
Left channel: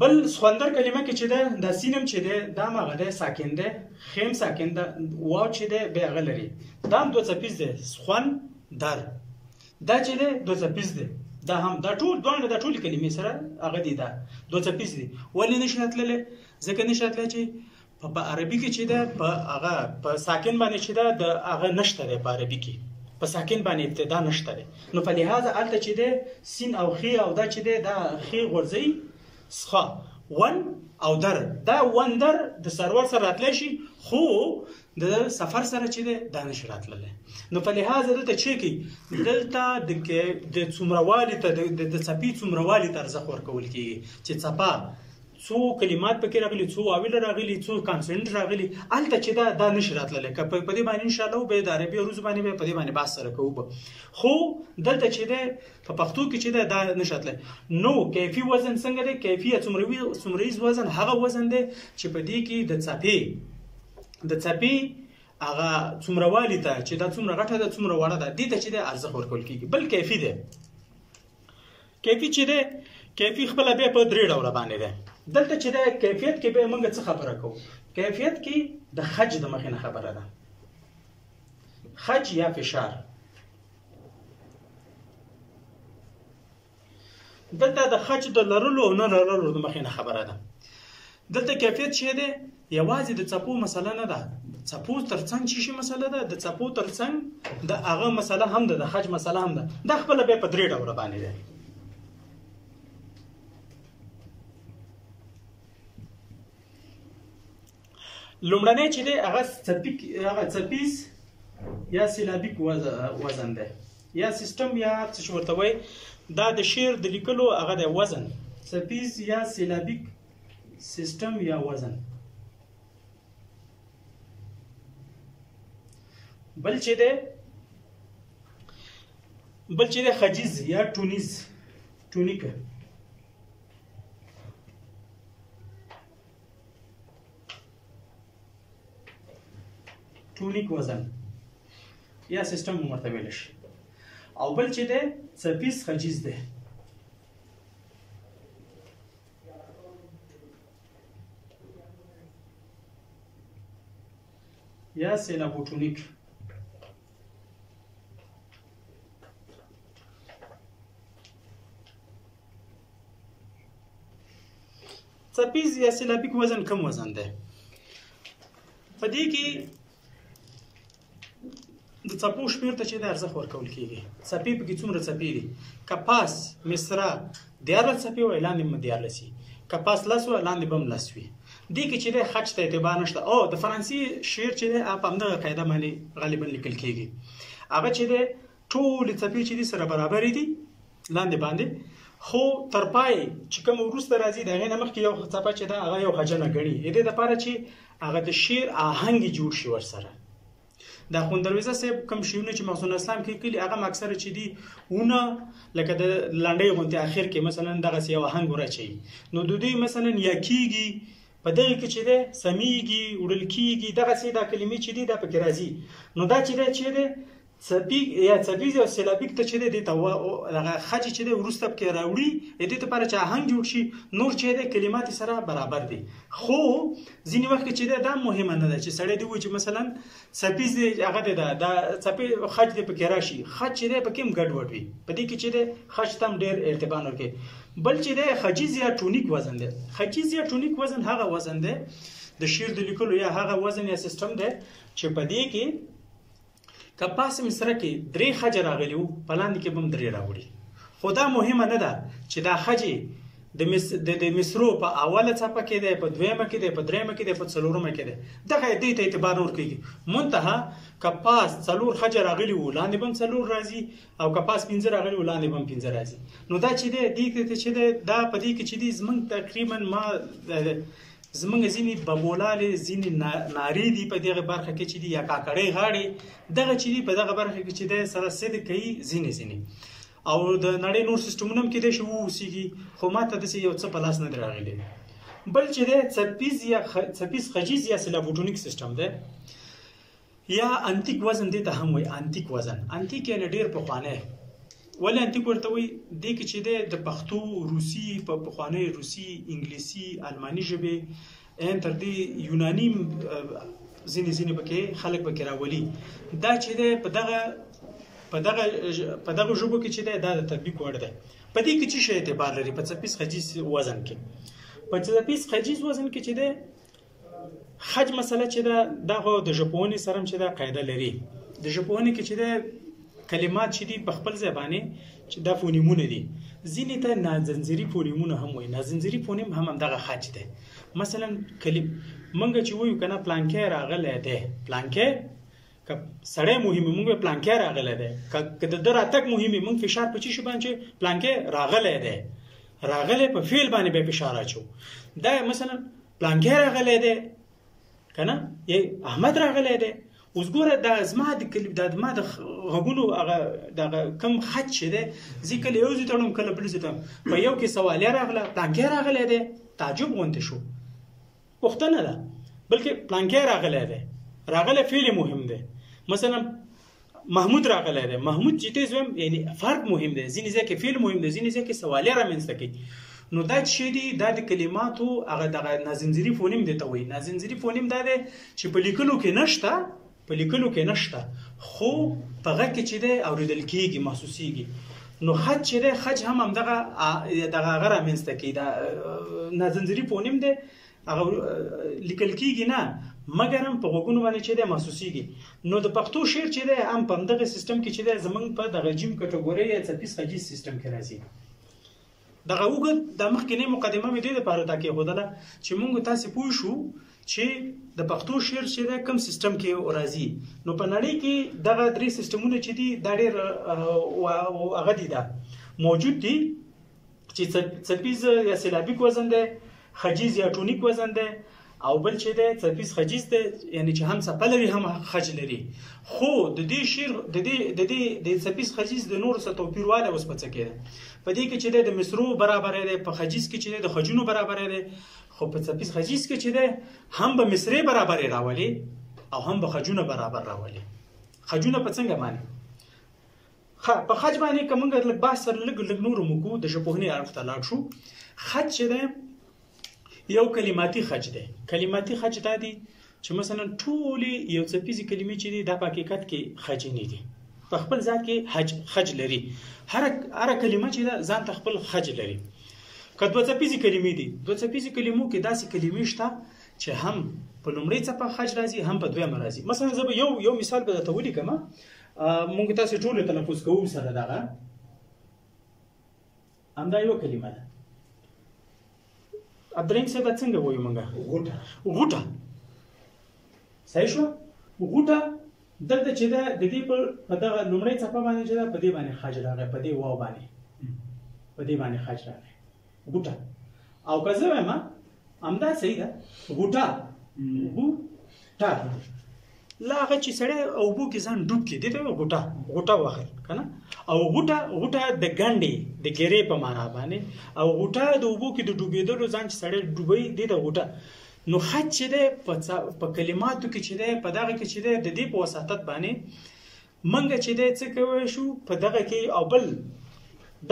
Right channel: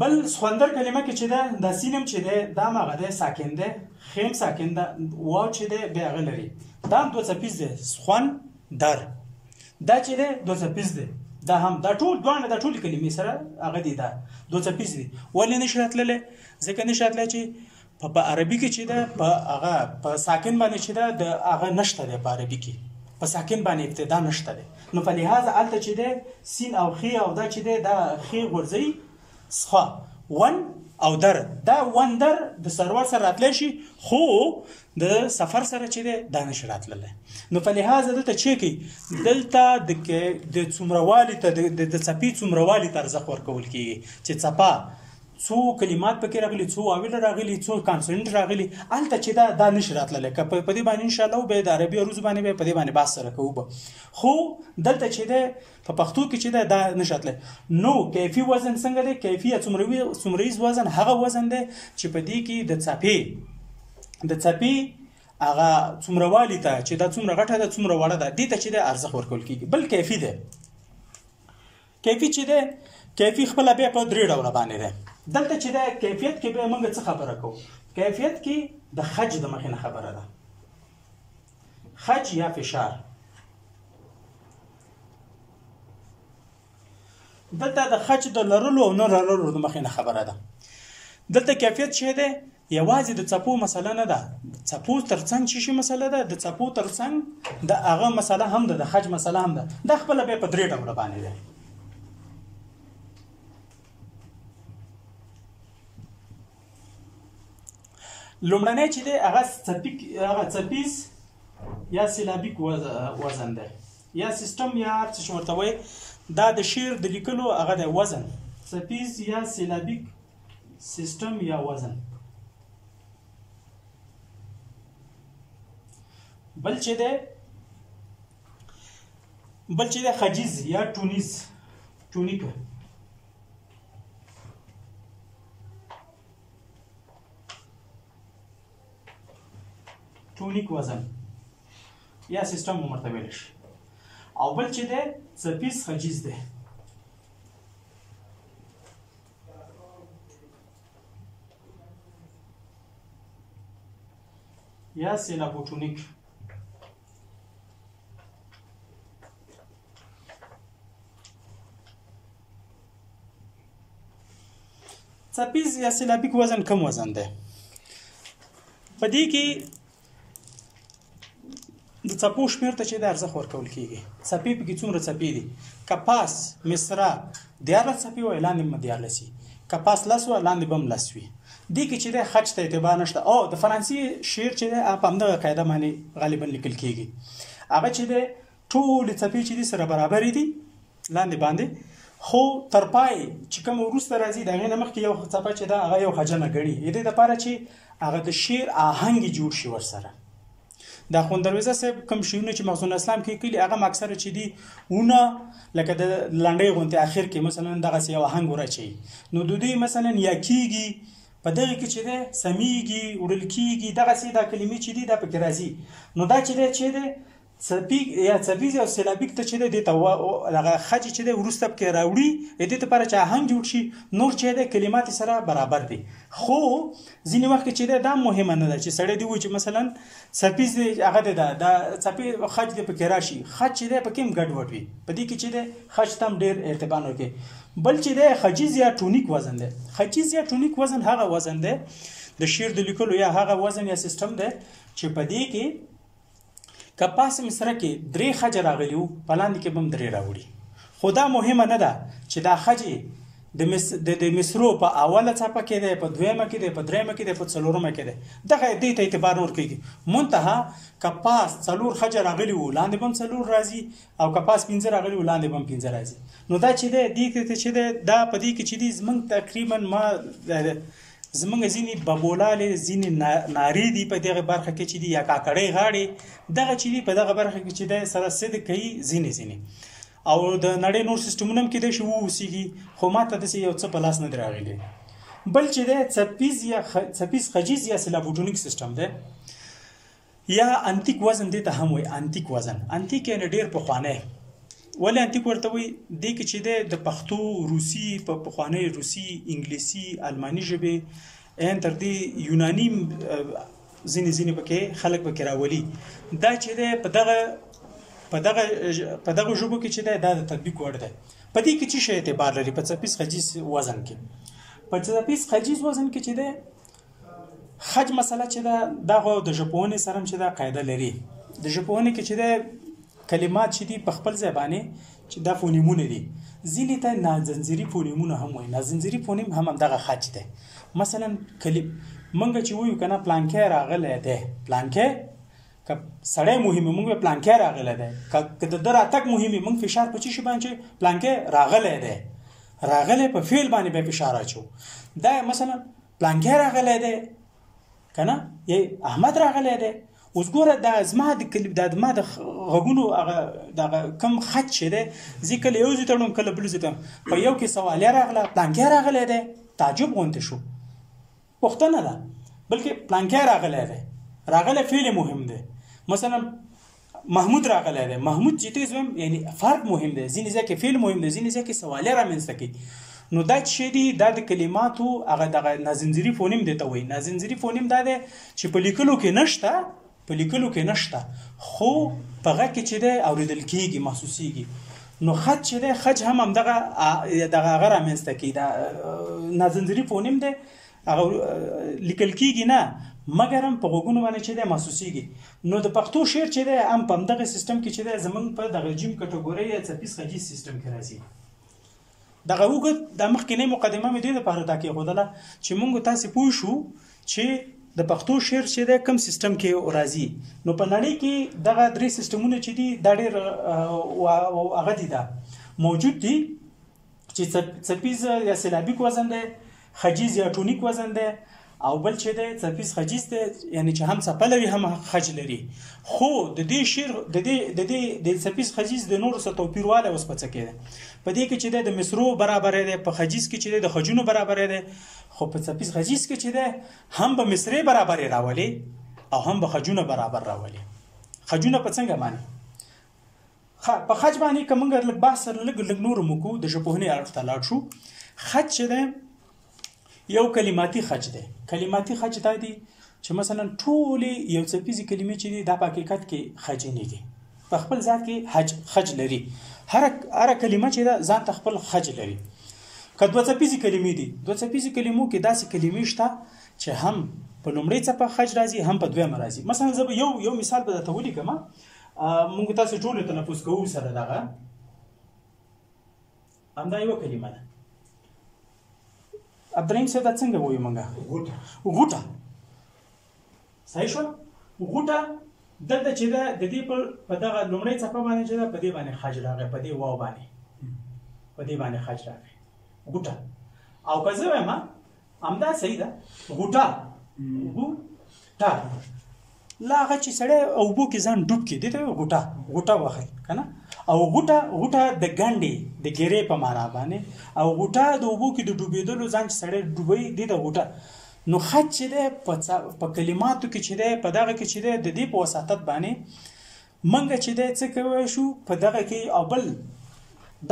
بل سخوندر کلمه کې چې ده دا سین هم چې دی دا هم هغه دی ساکن دی خیم ساکن ده واو چې دی بیا هغه لري دا هم دوه څپیز دی سخون در دا چې دی دوه څپیز دی دا هم دا ټول دوانه دا ټول کلمې سره هغه دي دا دوه څپیز دي ولې نشي راتللی ځکه نشي راتلی چې په عربي کې چې ده په هغه په ساکن باندې چې ده د هغه نشته دی په عربي کې په ساکن باندې ابتدا نشته دی نو په لحاظ هلته چې دی سین او خی او دا چې دی دا خی غورځوي سخا ون او در دا وندر د سرور سره راتلی شي خو د سفر سره چې دی دا نشي راتللی نو په لحاظ دلته چې کوي دلته د څومروالي ته د څپې څومروالي ته ارزښت ورکول کېږي چې څپه څو کلمات پکې راغلي څو اول راغلي څو کانسوننټ راغلي هلته چې دا نشي راتللی که په دې باندې انشاءالله به د عربي عروض باندې به په دې باندې بحث سره کوو به خو دلته چې دی په پښتو کې چې دی دا نشي راتلی نو کیفي وزن څنګه دی کیفي یا څومریز وزن هغه وزن دی چې په دې کې د څپې هغه څومروالي ته چې دا څومره غټه ده څومره وړه ده دې ته چې دی ارزښت ورکول کېږي بل کیفي دی کیفي چې دی کیفي خپله بیا په درې ډوله باندې دی دلته چې د کیفیت کې به موږ څه خبره کوو کیفیت کې د خج د مخې نه خبره ده خج یا فشار دلته د خج د لرلو او نه لرلو د مخې نه خبره ده دلته کیفیت چې دی یوازې د څپو مسله نه ده څپو ترڅنګ چې شي مسله ده د څپو ترڅنګ د هغه مسله هم ده د خج مسله هم ده دا خپله بیا په درې ډوله باندې ده لومړنی چې دی هغه څپیز یا سیلابیک وزن دی یا سیستم یا څه ورته وایي دا د شعر د لیکلو هغه دی وزن څپیز یا سیلابیک سیستم یا وزن بل چې دی خجیز یا ټونیک ټونیک وزن یا سیستم ورته ویل شي او بل چې دی څپیز خجیز دی یا سیلابوټونیک څپیز یا سیلابیک وزن کم وزن دی په دې کې د څپو شمېر ته چې د ارزښت ورکول کېږي څپې پکې څومره څپې دي که پاس مصره 14 څپې وي لاندې به 14 وي که پاس 10 وي لاندې به هم 10 وي دې کې چې د خج ته اعتبار نشته او د فرانسې شعر چې دی په همدغه قاعده باندې غالبا لیکل کېږي هغه چې دی ټولې څپې چې دي سره برابرې دي لاندې باندې خو تر پای چې کوم وروسته راځي د هغې نه مخکې یو څپه چې ده هغه یو خجنه ګڼي د دې دپاره چې هغه د شعر آهنګ جوړ شي ورسره دا خوندرویزه صاحب کوم شیونه چې مخزون اسلام کې کلی هغه اکثره چې دي ونه لکه د لنډۍ غونډې اخر کې مثلا دغه یو آهنګ ورچي نو د دوی مثلا یا کیږي په دغه کې چې ده سمیږي وړل کیږي دغه سي دا کلمې چې دي دا پکې راځي نو دا چې ده څپیک یا څپیز یا سیلابیک ته چې دی ته هغه خج چې دی وروسته پکې راوړي د دې لپاره چې آهنګ جوړ شي نور چې دی کلمات سره برابر دي خو ځینې وخت چې دا مهمه نه ده چې سړی دی و چې مثلا څپیز دی هغه د څپې خج دی پکې راشي خج چې دی پکې هم ګډوډ وي په دې کې چې دی خج تم ډېر ارتباط ورکوي بل چې دی خجیز یا ټونیک وزن دی خجیز یا ټونیک وزن هغه وزن دی د شعر د لیکلو یا هغه وزن یا سیستم دی چې په دې کې که پاس مصره کې 3 خج راغلی وو په لاندې کې به هم 3 راوړي خو دا مهمه نه ده چې دا خج د مصرو په اوله څپه کې دی په دویمه کې دی په دریمه کې دی په څلورمه کې دی دغه دې ته اعتبار ورکوي منتها که پاس 4 خج راغلی وو لاندې به هم 4 راځي او که پاس 5 راغلی وو لاندې به هم 5 راځي نو دا چې دی دې کې چې دی دا په دې کې چې دی زمونږ تقریبا ما زمونږ ځینې ببولالې ځینې نارې دي په دغه برخه کې چې دي یا کاکړۍ غاړې دغه چې دي په دغه برخه کې چې دی سره څه کوي ځینې او د نړۍ نور سیستمونه هم کېدای شي واوسېږي خو ما ته داسې یو څه په لاس نه دی راغلی بل چې دی څپیز خجیز یا سیلابوټونیک سیستم دی یا انتیک وزن دی ته هم وایي انتیک وزن انتیک یعنې ډېر پخوانی ولې انتیک ورته وایي دې کې چې دی د پښتو روسي په پخوانۍ روسي انګلیسي الماني ژبې ان تر دې یوناني ځینې پکې خلک پکې راولي دا چې دی په دغه ژبو کې چې دی دا د تطبیق وړ دی په دې کې چې شی اعتبار لري په څپیز خجیز وزن کې په څپیز خجیز وزن کې چې دی خج مسله چې دا خو د ژبپوهنې سره هم چې دا قاعده لري د ژبپوهنې کې چې دی کلمات چې دي په خپل ځای باندې چې دا فونیمونه دي ځینې ته نازنځري فونیمونه هم وایي نازنځري فونیم هم همدغه خج دی مثلا منګه چې وایو کنه پلانکې راغلی دی پلانکې که سړی مهمه موږ پلانکې راغلی دی که د در اتک مهمه موږ فشار په چی شي باندې پلانکې راغلی دی راغلی په فعل باندې به فشار اچو دا مثلا پلانکې راغلی دی کنه یی احمد راغلی دی اوس ګوره دا زما د غوګونو هغه د کم خط شه دی زی کله یو ځای تړم کله بل ځای تړم په یو کې سوال راغله پلانکې راغلی دی تعجب غونډه شو پښتنه ده بلکې پلانکې راغلی دی راغله فعل مهم دی مثلا محمود راغلی دی محمود چې تاسو یعنی فرق مهم دی ځینې ځکه فعل مهم دی ځینې ځکه سوال رامنځته کوي نو دا چې دی د کلماتو هغه د نازنځري فونیم دی ته وایي نازنځري فونیم دا دی چې په لیکلو کې نشته خو په غږ کې چې دی اوریدل کېږي محسوسېږي نو خط چې دی خج هم همدغه هغه رامنځته کوي دا نازنځري فونیم دی هغه لیکل کېږي نه مګر هم په غوږونو باندې چې دی محسوسېږي نو د پښتو شعر چې دی هم په همدغه سیستم کې چې دی زموږ په دغه جیم کټګورۍ یا څپیز خجیز سیستم کې راځي دغه اوږد د مخکینۍ مقدمه مې دې دپاره دا کېښودله چې موږ تاسې پوه شو چې د پښتو شعر چې دی کوم سیستم کې راځي نو په نړۍ کې دغه درې سیستمونه چې دي دا ډېر هغه دي دا موجود دي چې څپیز یا سیلابیک وزن دی خجیز یا ټونیک وزن دی او بل چې دی څپیز خجیز دی یعنی چې هم څپه لري هم خج لري خو د دې شعر د څپیز خجیز د نورو سره توپیروالی اوس په څه کې دی په دې کې چې دی د مصرو برابر دی په خجیز کې چې دی د خجونو برابر دی خو په څپیز خجیز کې چې دی هم به مصرې برابر راولي او هم به خجونه برابر راولي خجونه په څنګه معنی په خج باندې که موږ لږ بحث سره لږ نور موکو د ژبپوهنې اړخ ته لاړ شو خج چې دی یو کلماتي خج دی کلماتي خج دا دی چې مثلا ټولې یو څپیزې کلمې چې دي دا په حقیقت کې خجینې دي په خپل ذات کې خج لري هر کلمه چې ده ځان ته خپل خج لري که دوه څپیزې کلمې دي دوه څپیزې کلمو کې داسې کلمې شته چې هم په لومړۍ څپه خج راځي هم په دویمه راځي مثلا زه به یو مثال به درته ولیکم موږ تاسې ټولو تلفظ کوو سره دغه همدا یوه کلمه ده عبدالرحیم صاحب دا څنګه وایو موږ غوټه صحیح شو غوټه دلته چې ده د دې په دغه لومړۍ څپه باندې چې ده په دې باندې خج راغی په دې واو باندې خج راغی غوټه او که زه وایم همدا صحیح ده غوټه لا هغه چې سړی اوبو کې ځان ډوب کړي دې ته غوټه واخلي که نه او غوټه د ګنډې د ګیرې په معنا باندې او غوټه د اوبو کې د ډوبېدلو ځان چې سړی ډوبوي دې ته غوټه نو خط چې دی په کلماتو کې چې دی په دغه کې چې دی د دې په وساطت باندې منګه چې دی څه کوی شو په دغه کې او بل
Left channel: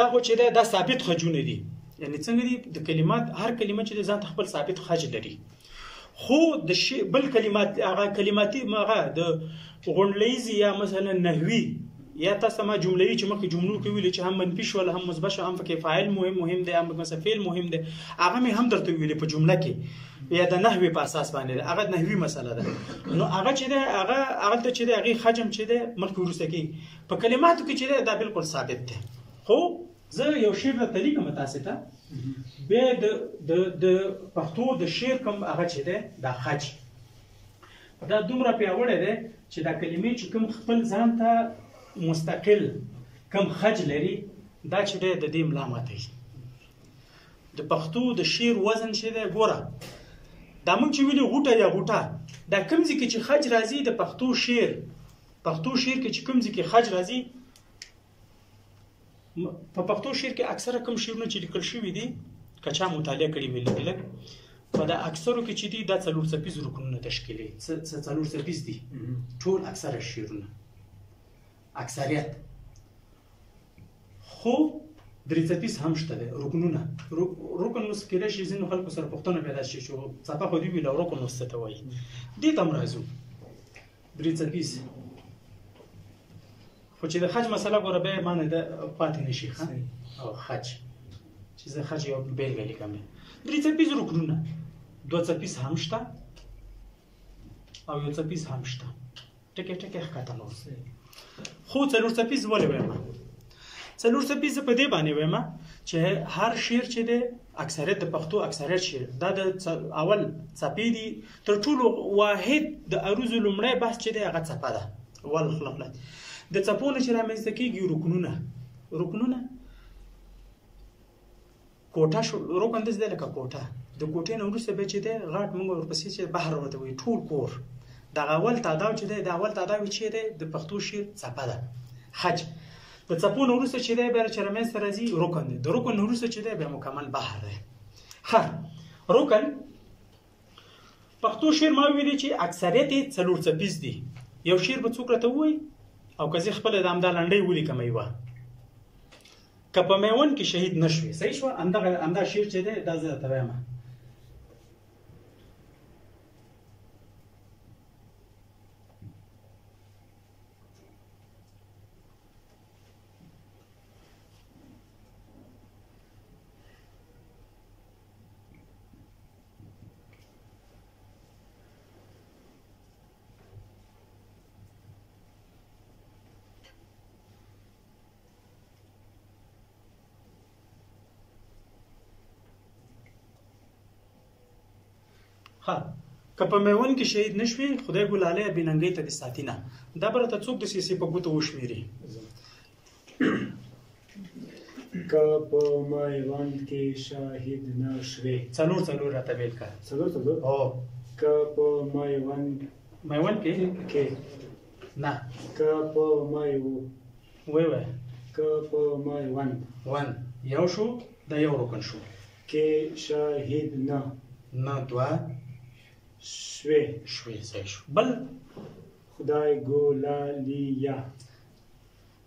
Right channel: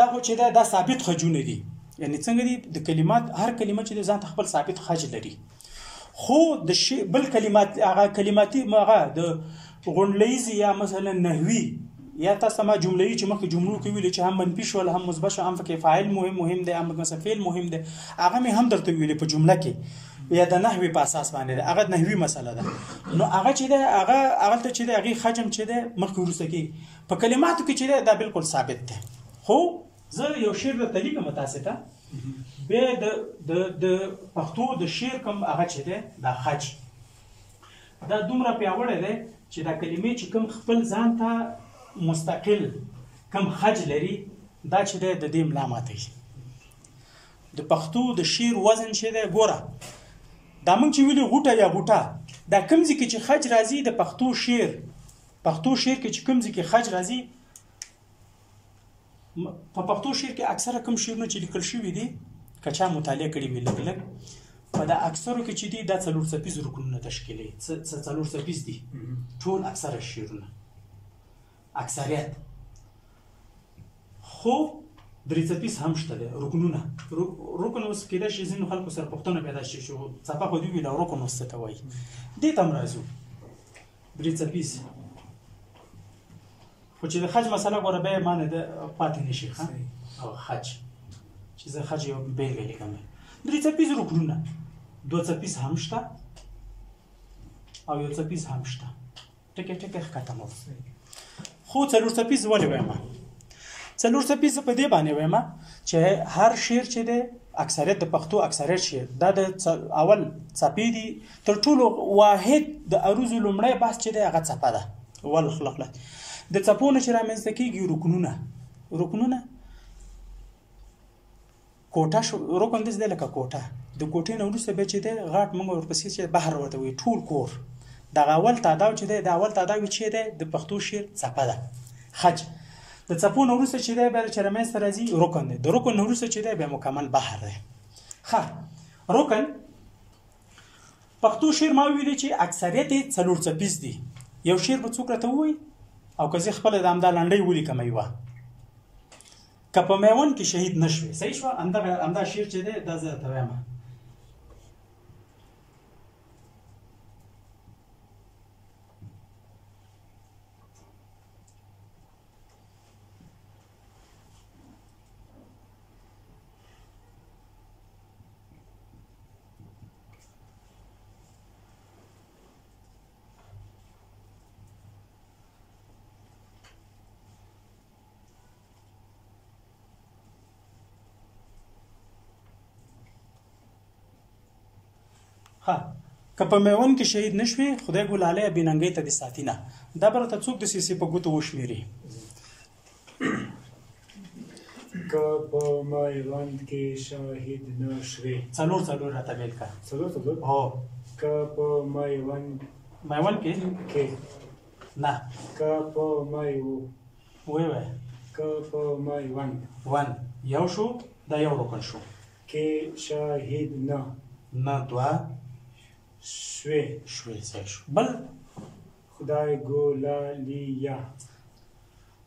دغه چې دی دا ثابت خجونه دي یعنی څنګه دي د کلمات هر کلمه چې ځان خپل ثابت خج لري خو د شی بل کلمات هغه کلماتي هغه د غونډلیز یا مثلا نحوی یا تاسو ما جملې چې مخکې جملو کې ویل چې هم منفي شول هم مثبت شول هم فکر فاعل مهم دی هم مثلا فعل مهم دی هغه مې هم درته ویل په جمله کې یا د نحوی په اساس باندې هغه نحوی مسله ده نو هغه چې ده هغه ته چې ده هغه حجم چې ده مخکې ورسته کې په کلماتو کې چې ده دا بالکل ثابت ده خو زه یو شعر د طریقه متاسفه به د پښتو د شعر کوم هغه چې ده دا خج دا دومره پیاوړی ده چې دا کلمې چې کوم خپل ځان ته مستقل کم خج لري دا چې د دې ملا ماتي د پښتو د شعر وزن شه ده ګوره دا مونږ چې ویلو غوټه یا غوټه دا کوم ځکه چې خج راځي د پښتو شعر کې چې کوم ځکه خج راځي په پښتو شعر کې اکثره کوم شعرونه چې لیکل شوي دي کچا مطالعه کړي مې لګلګ په دا اکثرو کې چې دي دا څلور څپیز رکنونه تشکیلي څلور څپیز دي ټول اکثره شعرونه اکثریت خو درې څپیز هم شته ده رکنونه رکن اوس کېدای شي ځینو خلکو سره پوښتنه پیدا شي چې څپه خو دې ویل رکن اوس څه ته وایي دې ته هم راځو درې څپیز خو چې د خج مسله ګوره بیا معنی ده پاتې نشي او خج چې زه خج یو بیلګه لیکم درې څپیز رکنونه دوه څپیز هم شته او یو څپیز هم شته ټکي ښکته نور خو څلور څپیز ولې وایم څلور څپیز په دې باندې وایم چې هر شعر چې دی اکثریت د پښتو اکثریت شعر دا د اول څپې دي تر ټولو واحد د عروض لومړی بحث چې دی هغه څپه ده ول خلقلت د څپو نه چې رامنځته کېږي رکنونه کوټه شو رکن داسې دی لکه کوټه د کوټې نه وروسته بیا چې دی غاټ موږ ورپسې چې بحر ورته وایي ټول کور دغه اول تعداد چې دی د اول تعداد چې دی د پښتو شعر څپه ده خج د څپو نه وروسته چې دی بیا چې رامنځته راځي رکن دی د رکن نه وروسته چې دی بیا مکمل بحر دی رکن پښتو شعر ما ویلي چې اکثریت یې څلور څپیز دي یو شعر به څوک راته ووایي او که زه خپله د همدا لنډۍ ولیکم یوه که په میوند کې شهید نه شوې صحیح شوه همدا شعر چې دی دا زه درته وایم که په میوند کې شهید نشوي خدای ګلاله بیننګۍ ته د ساتینه دا بر ته څوک د سیسي په ګوتو وشمیري که په میوند کې شهید نشوي څلور راته بیل کا څلور او که په میوند کې نه که په وای که په میوند یو شو دا یو رکن شو کې شهید نه دوا شوي صحیح شو بل خدای ګولالیا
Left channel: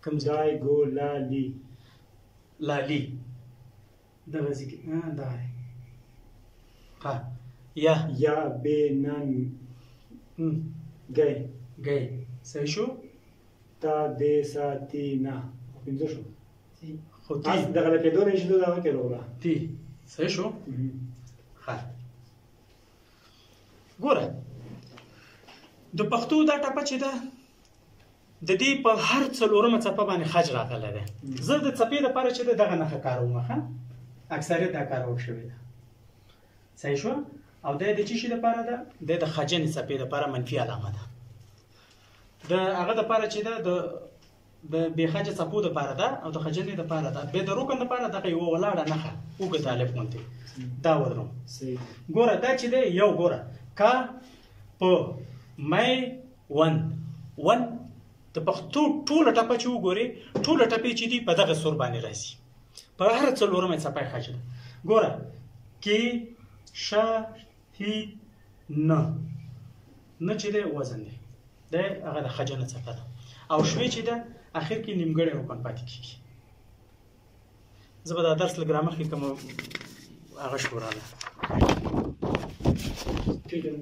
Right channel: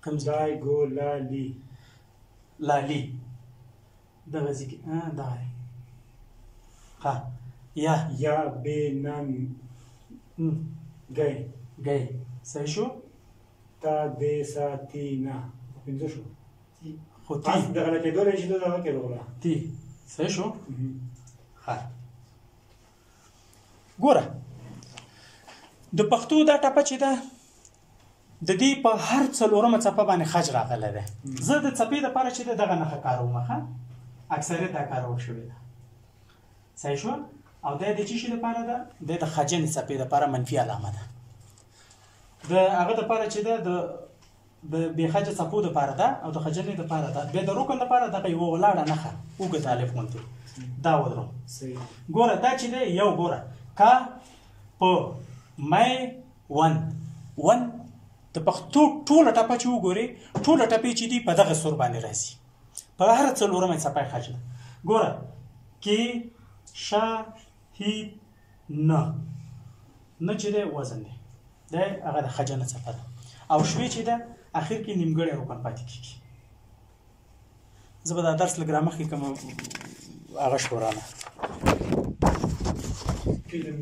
کوم خدای ګولالی لالی دغه ځکه دا یا بینن گئی صحیح شو تا دې ساتینا پنځه شو خو تاسو دغه کې دوه شي دوه کې وروړه تی صحیح شو ګوره د پښتو دا ټپه چې ده د دې په هر څلورمه څپه باندې خج راغلی دی زه د څپې دپاره چې ده دغه نښه کاروم اکثریت دا کارول شوې ده صحیح شوه او دا د څه شي دپاره ده دا د خجنې څپې دپاره منفي علامه ده د هغه دپاره چې ده د بې خجه څپو دپاره ده او د خجنې دپاره ده بیا د رکن دپاره دغه یوه ولاړه نښه اوږد الف غوندې دا ودرم ګوره دا چې دی یو ګوره کا په مای ون د پښتو ټوله ټپه چې وګورې ټوله ټپې چې دي په دغه سور باندې راځي په هر څلورمه څپه یې خج ده ګوره کې شه هی نه چې دی وزن دی دا هغه د خجنه څپه ده او شوې چې ده اخر کې نیمګړی رکن پاتې کېږي زه به دا درس له ګرامر کې کوم هغه شورانه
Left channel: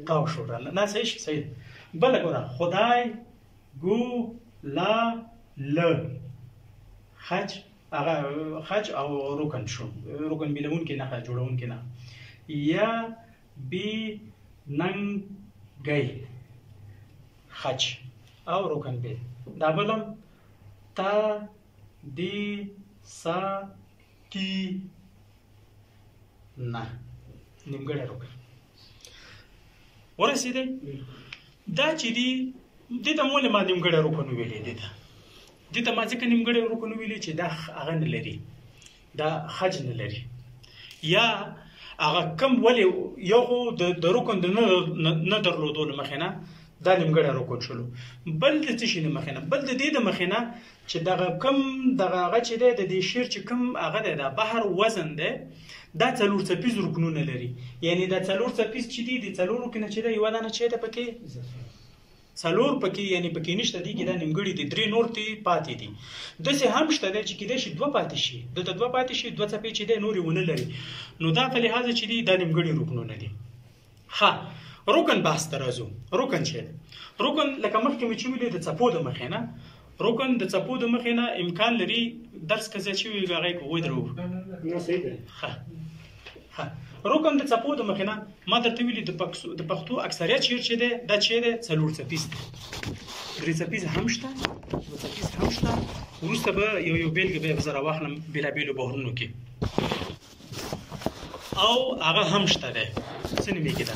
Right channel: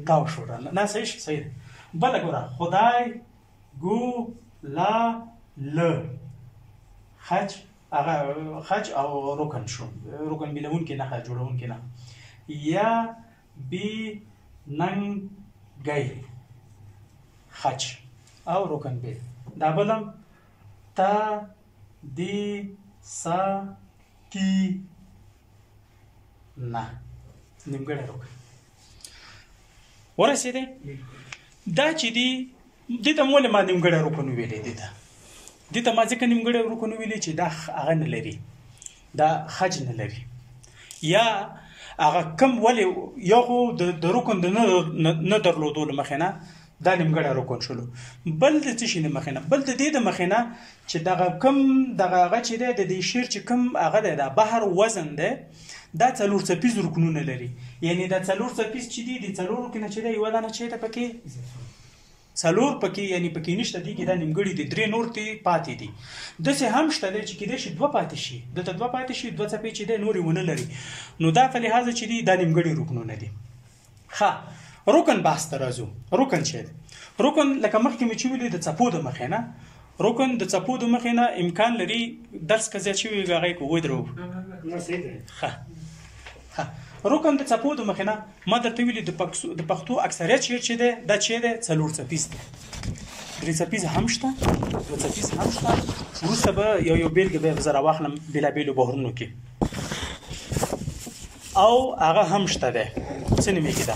او شورانه نه صحیح بله ګوره خدای ګو لا ل خج هغه خج او رکن شو رکن بیلون کې نه جوړون کې نه یا بی ننګ گئی خج او رکن بی دا بلم تا دی سا تی نه نیمګړی رکن ورسېدی دا چې دی دې ته مولې ما نیمګړی رکن ویلې دې ته ما ځکه نیمګړی رکن ویلې چې دا هغه نه لري دا خج نه لري یا هغه کم ولې یو خو د رکن د نه درلودو له مخې نه دا نیمګړی رکن شلو بل د څه شي نه مخې نه بل د دې د مخې نه چې دغه کم دغه هغه چې دی د دې شعر چې کم هغه دی دا بحر وزن دی دا څلور څپیز رکنونه لري یعنی دا څلور څپیز چې دي د څلورو کې نه چې دی یوه دانه چېرته پکې څلور پکې یعنی پکې نشته دي کې دا نیمګړي دي درې نور تی پاتې دي داسې هم شته دی چې کېدای شي دوه پاتې شي دلته دوه پاتې شي دوه څپې چې دی نورې ونه لري نو دا په لحاظه چې دي دا نیمګړي رکنونه دي رکن بحث ته راځو رکن چې رکن لکه مخکې مې چې ویلې د څپو د مخې نه رکن د څپو د مخې نه امکان لري درس که زیات شوي وي هغه یې ودرو رکن د څپو د مخې نه ما درته ویلي د پښتو اکثریت شعر چې دی دا چې دی څلور څپیز دی درې څپیز هم شته دوه څپیز هم شته وروسته به یو بېلګه به زه راواخلم بېلابېلو بحرونو کې او هغه هم شته ده څه نومېږي ده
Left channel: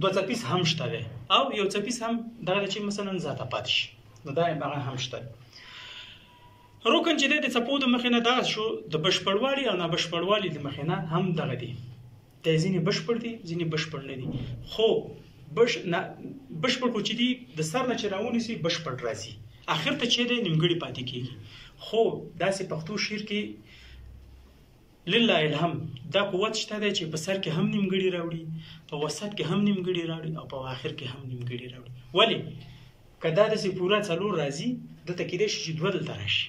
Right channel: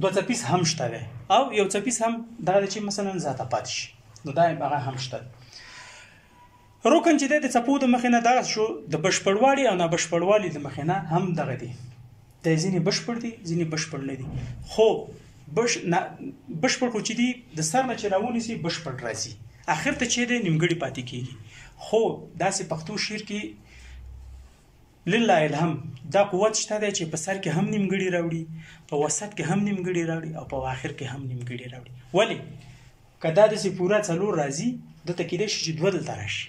دوه څپیز هم شته ده او یو څپیز هم دغه چې مثلا ذاته پاتې شي نو دا هغه هم شته ده. رکن چې د څپو د مخې نه دغه شو د بشپړوالي او نابشپړوالي د مخې نه هم دغه دي د ځینې بشپړ دي ځینې بشپړ نه دي خو بشپړ خو چې دي د سر نه چې راونیسي بشپړ راځي اخر ته چې د نیمګړي پاتې کېږي خو داسې پښتو شعر کې لله الهم دا قوت شته دی چې په سر کې هم نیمګړي راوړي په وسط کې هم نیمګړي راوړي او په آخر کې هم نیمګړي راوړي ولی که دا داسې پوره څلور راځي دلته کېدای شي چې دوه دلته راشي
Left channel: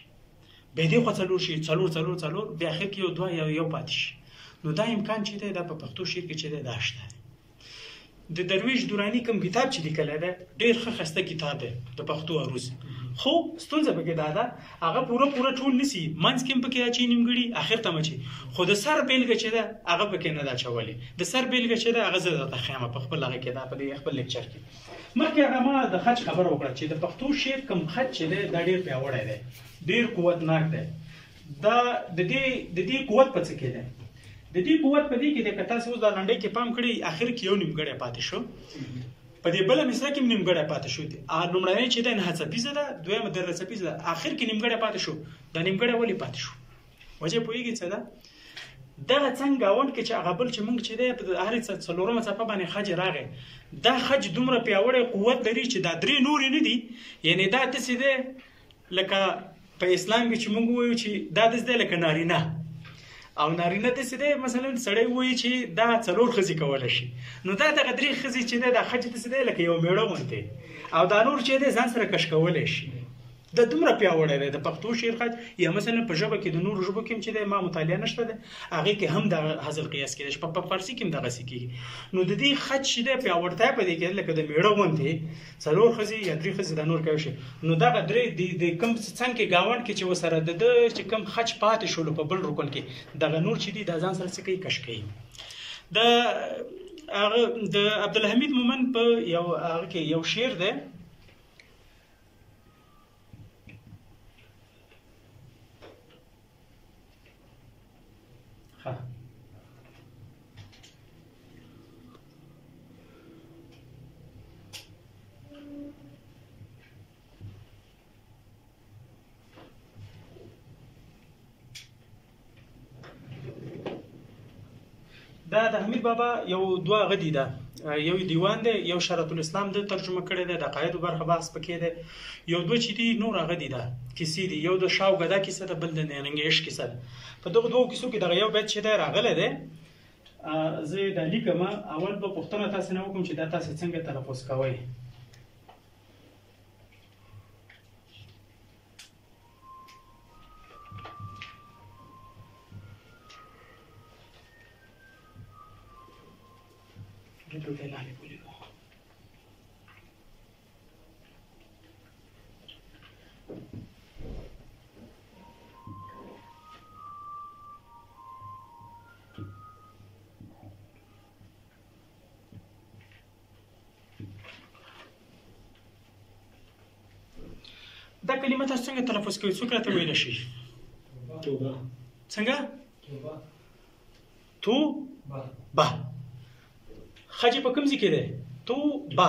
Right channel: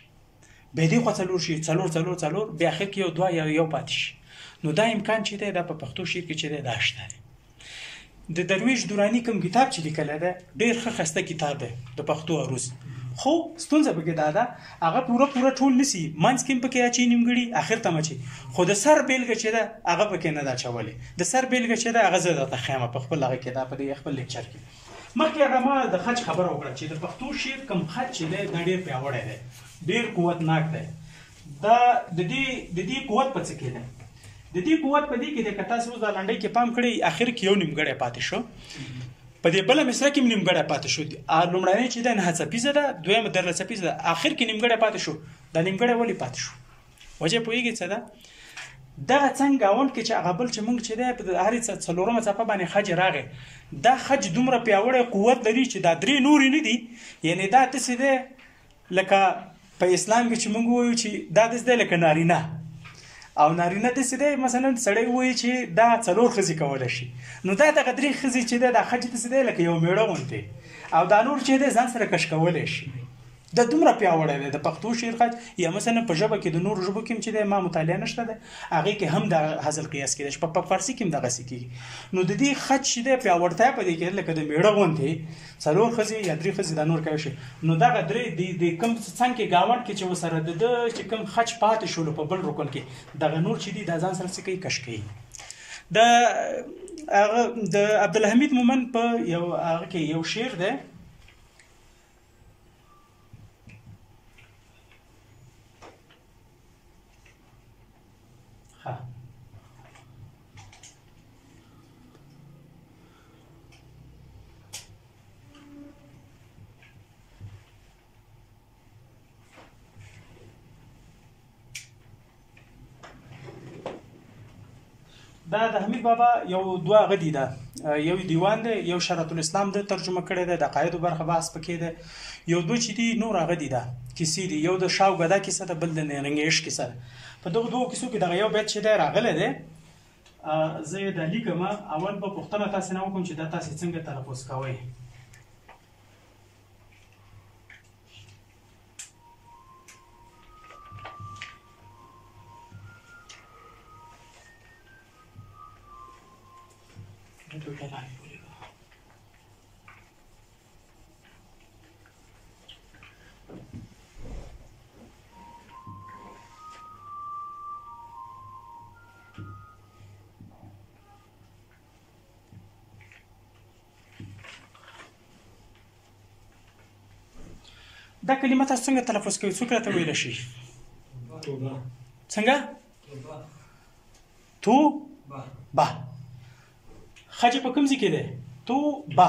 بیا دې خوا څلور شي څلور بیا آخر کې یو دوه یا یو پاتې شي نو دا امکان چې دی دا په پښتو شعر کې چې دی دا شته دی. د درویش درانی کوم کتاب چې لیکلی دی ډېر ښه ښایسته کتاب دی د پښتو عروض خو ستونزه پکې دا ده هغه پوره ټول نسی منځ کې پکې اچي نیمګړي اخر ته مچي خو د سر بیلګه چې ده هغه پکې نه دا چولې د سر بیلګه چې ده هغه زه درته ښیم په خپل هغه کې دا په خپل لیکچر کې مخکې هغه ما د خج خبره وکړه چې د پښتو شعر کوم خج چې دی دا ډېر پیاوړی دی ډېر قوتناک دی دا د دې قوت په څه کې دی د دې قوت په دې کې د کتا سوز د لنډۍ کې پام کړی اخر کې یو نیمګړی پاتې شو په دې بل مصره کې نیمګړی پاتې شو لومړنۍ چې د نه څپیزه ده دویمه در څپیزه ده اخر کې نیمګړی پاتې شو دا نیمګړی ولی پاتې شو وجه پوهیږي څه ده دا څنګه اول کې چې هغه بل چې موږ چې ده په هرې څلورمه څپه باندې خج راغی دا خج دومره پیاوړی قوت لري چې دا درې نورې نه دي یعنی دا داسې ده لکه په اسلام کې چې موږ وایو چې دا داسې ده لکه نارینه او نارینه داسې دی مثلا سړی وایي چې دا څلور ښځې کولی شي نو دا دغه درې ښځې چې دی دا خج داسې دی لکه یو میړه غوندې او دا نور چې دی ځان سره کش کولی شي دا دومره پیاوړی دی د پښتو شعر خج یا مثلا په ژبه کې د نورو ژبو کې چې دی ما مطالعه نشته دی هغې کې هم د حاصل قیاس کېدی شي په فارسي کې هم دغسې کېږي نو د دې خج چې دی پیاوړتیا په دې کې لکه د میړه غوندې څلور ښځې یا درې ښځې دا نور کولی شي نو دغه درې د کوم څنګ کې ګاونډ کې چې ورسره د چې کوم خج پاتې شولو په بل رکن کې دغه نور چې دي دا ځان سره څه کوي کش کوي د عبدالحمید مومن په هغه کې یو شعر دی دا د حمید بابا یو دوه غدي ده یو دیوان دی یو شرط الاسلام د ترجمه کړی دی د قاعده برخه بحث پکې ده یو دوه چې دي نور غدي ده کیسې دي یو د شاو غدا کیسه ده بل د نرنګیش کیسه ده په دغه دوه کیسو کې دغه یو بیت چې دی راغلی دی زه د لیکم اول په پښتنه تاسو نه وکم چې دا تاسو څنګه تلفظ کوئ دا کلمه تاسو څنګه تلفظ کوئ څوک راته ویلی شي توبه څنګه تو با خج په کوم ځای کې دی تو با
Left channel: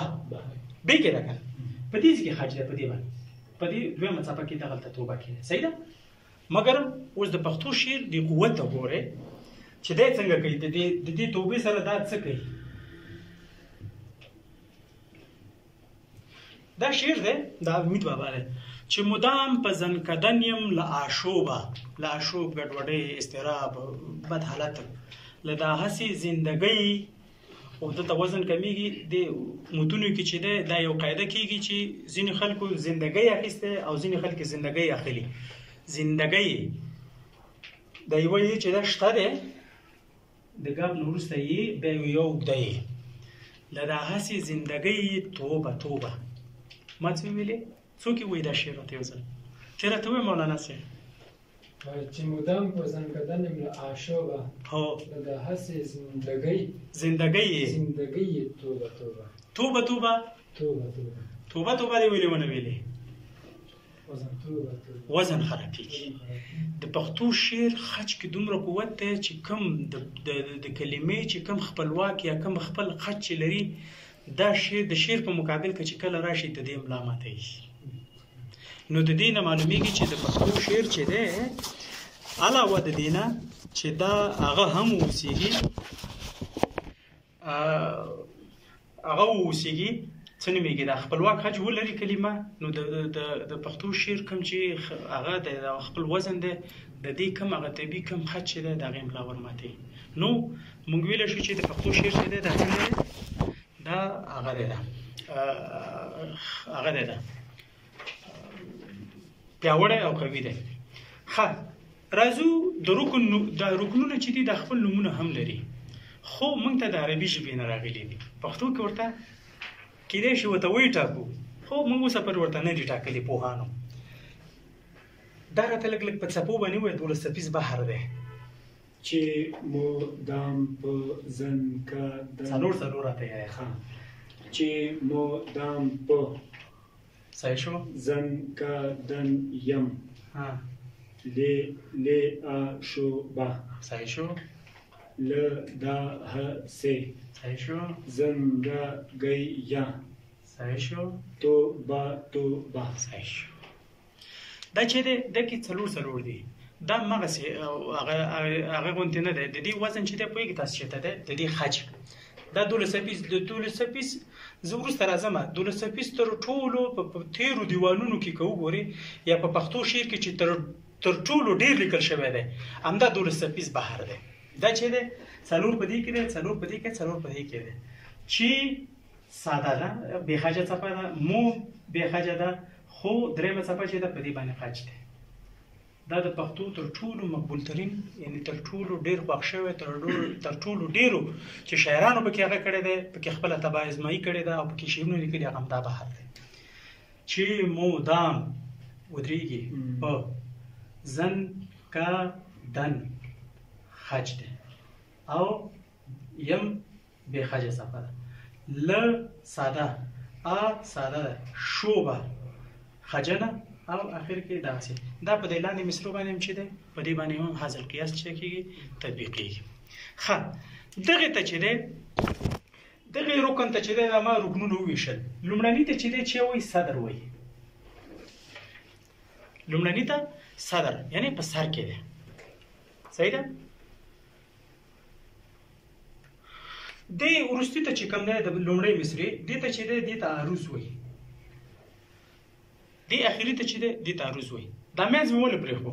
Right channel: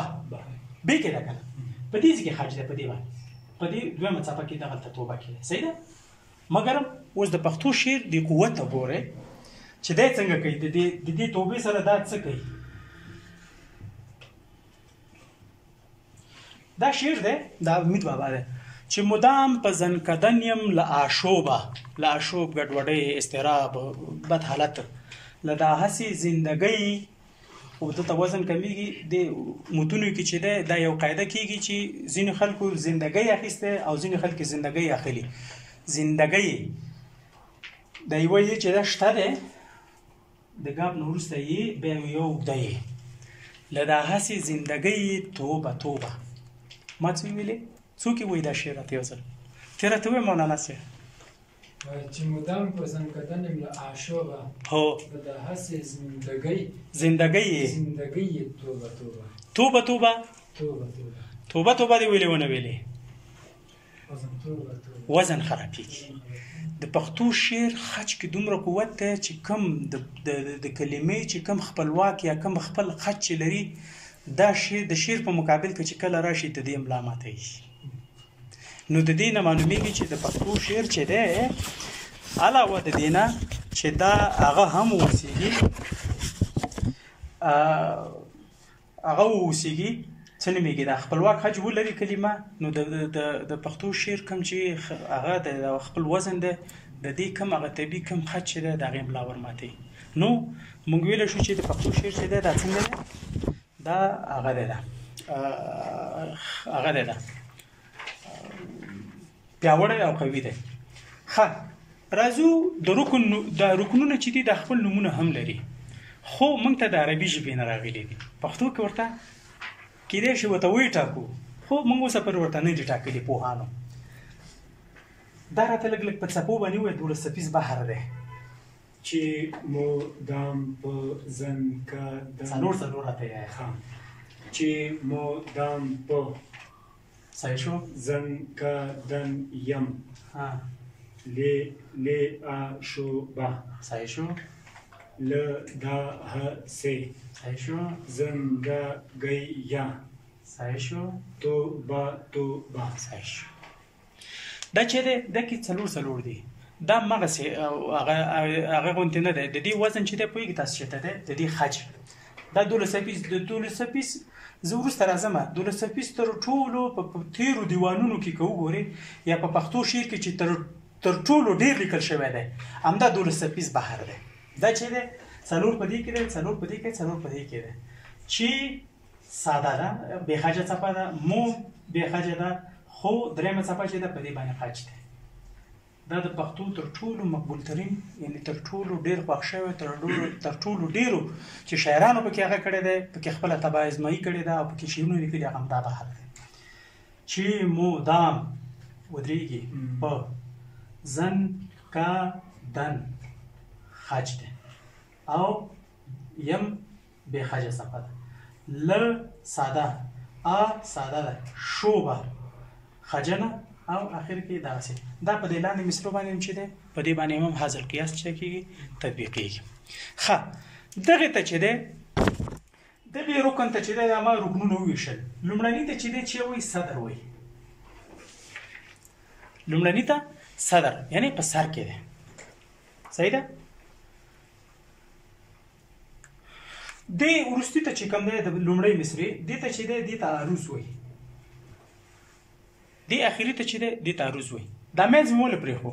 بې کې ده که نه په دې ځای کې خج دی په دې باندې په دې دویمه څپه کې دغلته توبه کې ده صحیح ده مګر اوس د پښتو شعر د قوت ته ګورئ چې دی څنګه کوي د دې توبې سره دا څه کوي دا شعر دی دا امید بابا دی چې مدام په زنکدن یم له آشوبه له آشوب ګډوډۍ اضطراب بد حالت له دا هسې زندګۍ او دلته وزن کمیږي د متونو کې چې دا یو قاعده کېږي چې ځینې خلکو زندګۍ اخیسته او ځینې خلک زندګۍ اخلي زندګۍ د یوه یې چې دا شته دی د ګاب نه وروسته یې بیا یو اوږده یې له دا هسې زندګۍ توبه توبه ما څه ویلې څوک یې وایي دا شعر راته یو ځل ته راته وایې مولانا صاحب چې مدام په زنکدن یم له آشوبه هو د هسې زندګۍ توبه توبه توبه توبه دې ویلې ونه ویلې وزن خرابېږي. د پښتو شعر خج کې دومره قوت دی چې کوم د کلمې چې کوم خپلواک یا کوم خپل خج چې لري دا د شعر په مقابل کې چې کله راشي د دې املا ماتېږي. نو د دې نه معلومیږي چې د پښتو شعر چې دی علاوه د دې نه چې دا هغه هم اوسېږي څه نومېږي دا خپلواک خج ولري کلمه. نو د پښتو شعر کوم چې هغه د خپل وزن دی د دې کوم هغه طبیعي کوم خج چې دی د هغې املا ورماتوي. نو موږ ویلی شو چې د پښتو شعر چې دی دا څنګه دی دا هغه دی پیاوړی او قوي دی. ښه راځو د رکنونه چې دي د خپل نومونه هم لري خو موږ ته د عربي ژبې نه راغلي دي. پښتو کې ورته کېدای شي ورته ویې ټاکو خو موږ اوسه پورې ورته نه دي ټاکلي پوهانو. دا راته لږ لږ په څپو باندې ووایه 12 څپیز بحر دی چې مو دام په زن کا څلور راته یې چې مو دام په صحیح شو زن کا دن یم لی آ شو با صحیح شو ل دا ه سے صحیح شو زن دا گئی یا صحیح شو تو با صحیح شو. دا چې دی دا کې څلور دی دا مغسې هغه غونتې نه دی. د دې وزن چې دی پوهېږي تاسو چې دی د دې خج دا 12 څپیز زه وروسته راځم. 12 څپیز تر ټولو په تیرو دیوانونو کې که وګورې یا په پښتو شعر کې چې تر ټولو ډېر لیکل شوی دی همدا 12 څپیز بحر دی. دا چې دی څلور په دې کې دی څلور په دې کې دی چې ساده ده بې خجه څپه ده مو بې خجه ده خو درېیمه څپه چې ده په دې باندې خج دی. دا د پښتو تر ټولو مقبول ترین یعنی تر ټولو ډېر خوښ شوی تر ټولو ډېرو چې شاعرانو پکې هغه کړی دی پکې خپله طبع ازمایي کړې ده او پکې شعرونه لیکلي هغه همدا بحر دی چې مدام ودرېږي په زن کا دن خج دی او یم بې خجه څپه ده ل ساده ا ساده ده شوبه خجنه او اخر کې داسې دا په دې لاندې مثلو باندې هم چې دی په دې باندې هم حاصل قیاس چې کېږي تطبیقېږي. ښه دغې ته چې دی دغې رکن ته چې دی ما رکنونه وویشل. لومړني ته چې دی چې وایي صدر وایي لومړني ته صدر یعنی په سر کې دی صحیح ده. دې وروستي ته چې کوم دی د لومړی مصرې دې ته چې دی دې ته عروض وایي دی اخیری ته چې دی ته عروض وایي. دا منځ مې ولې پرېښو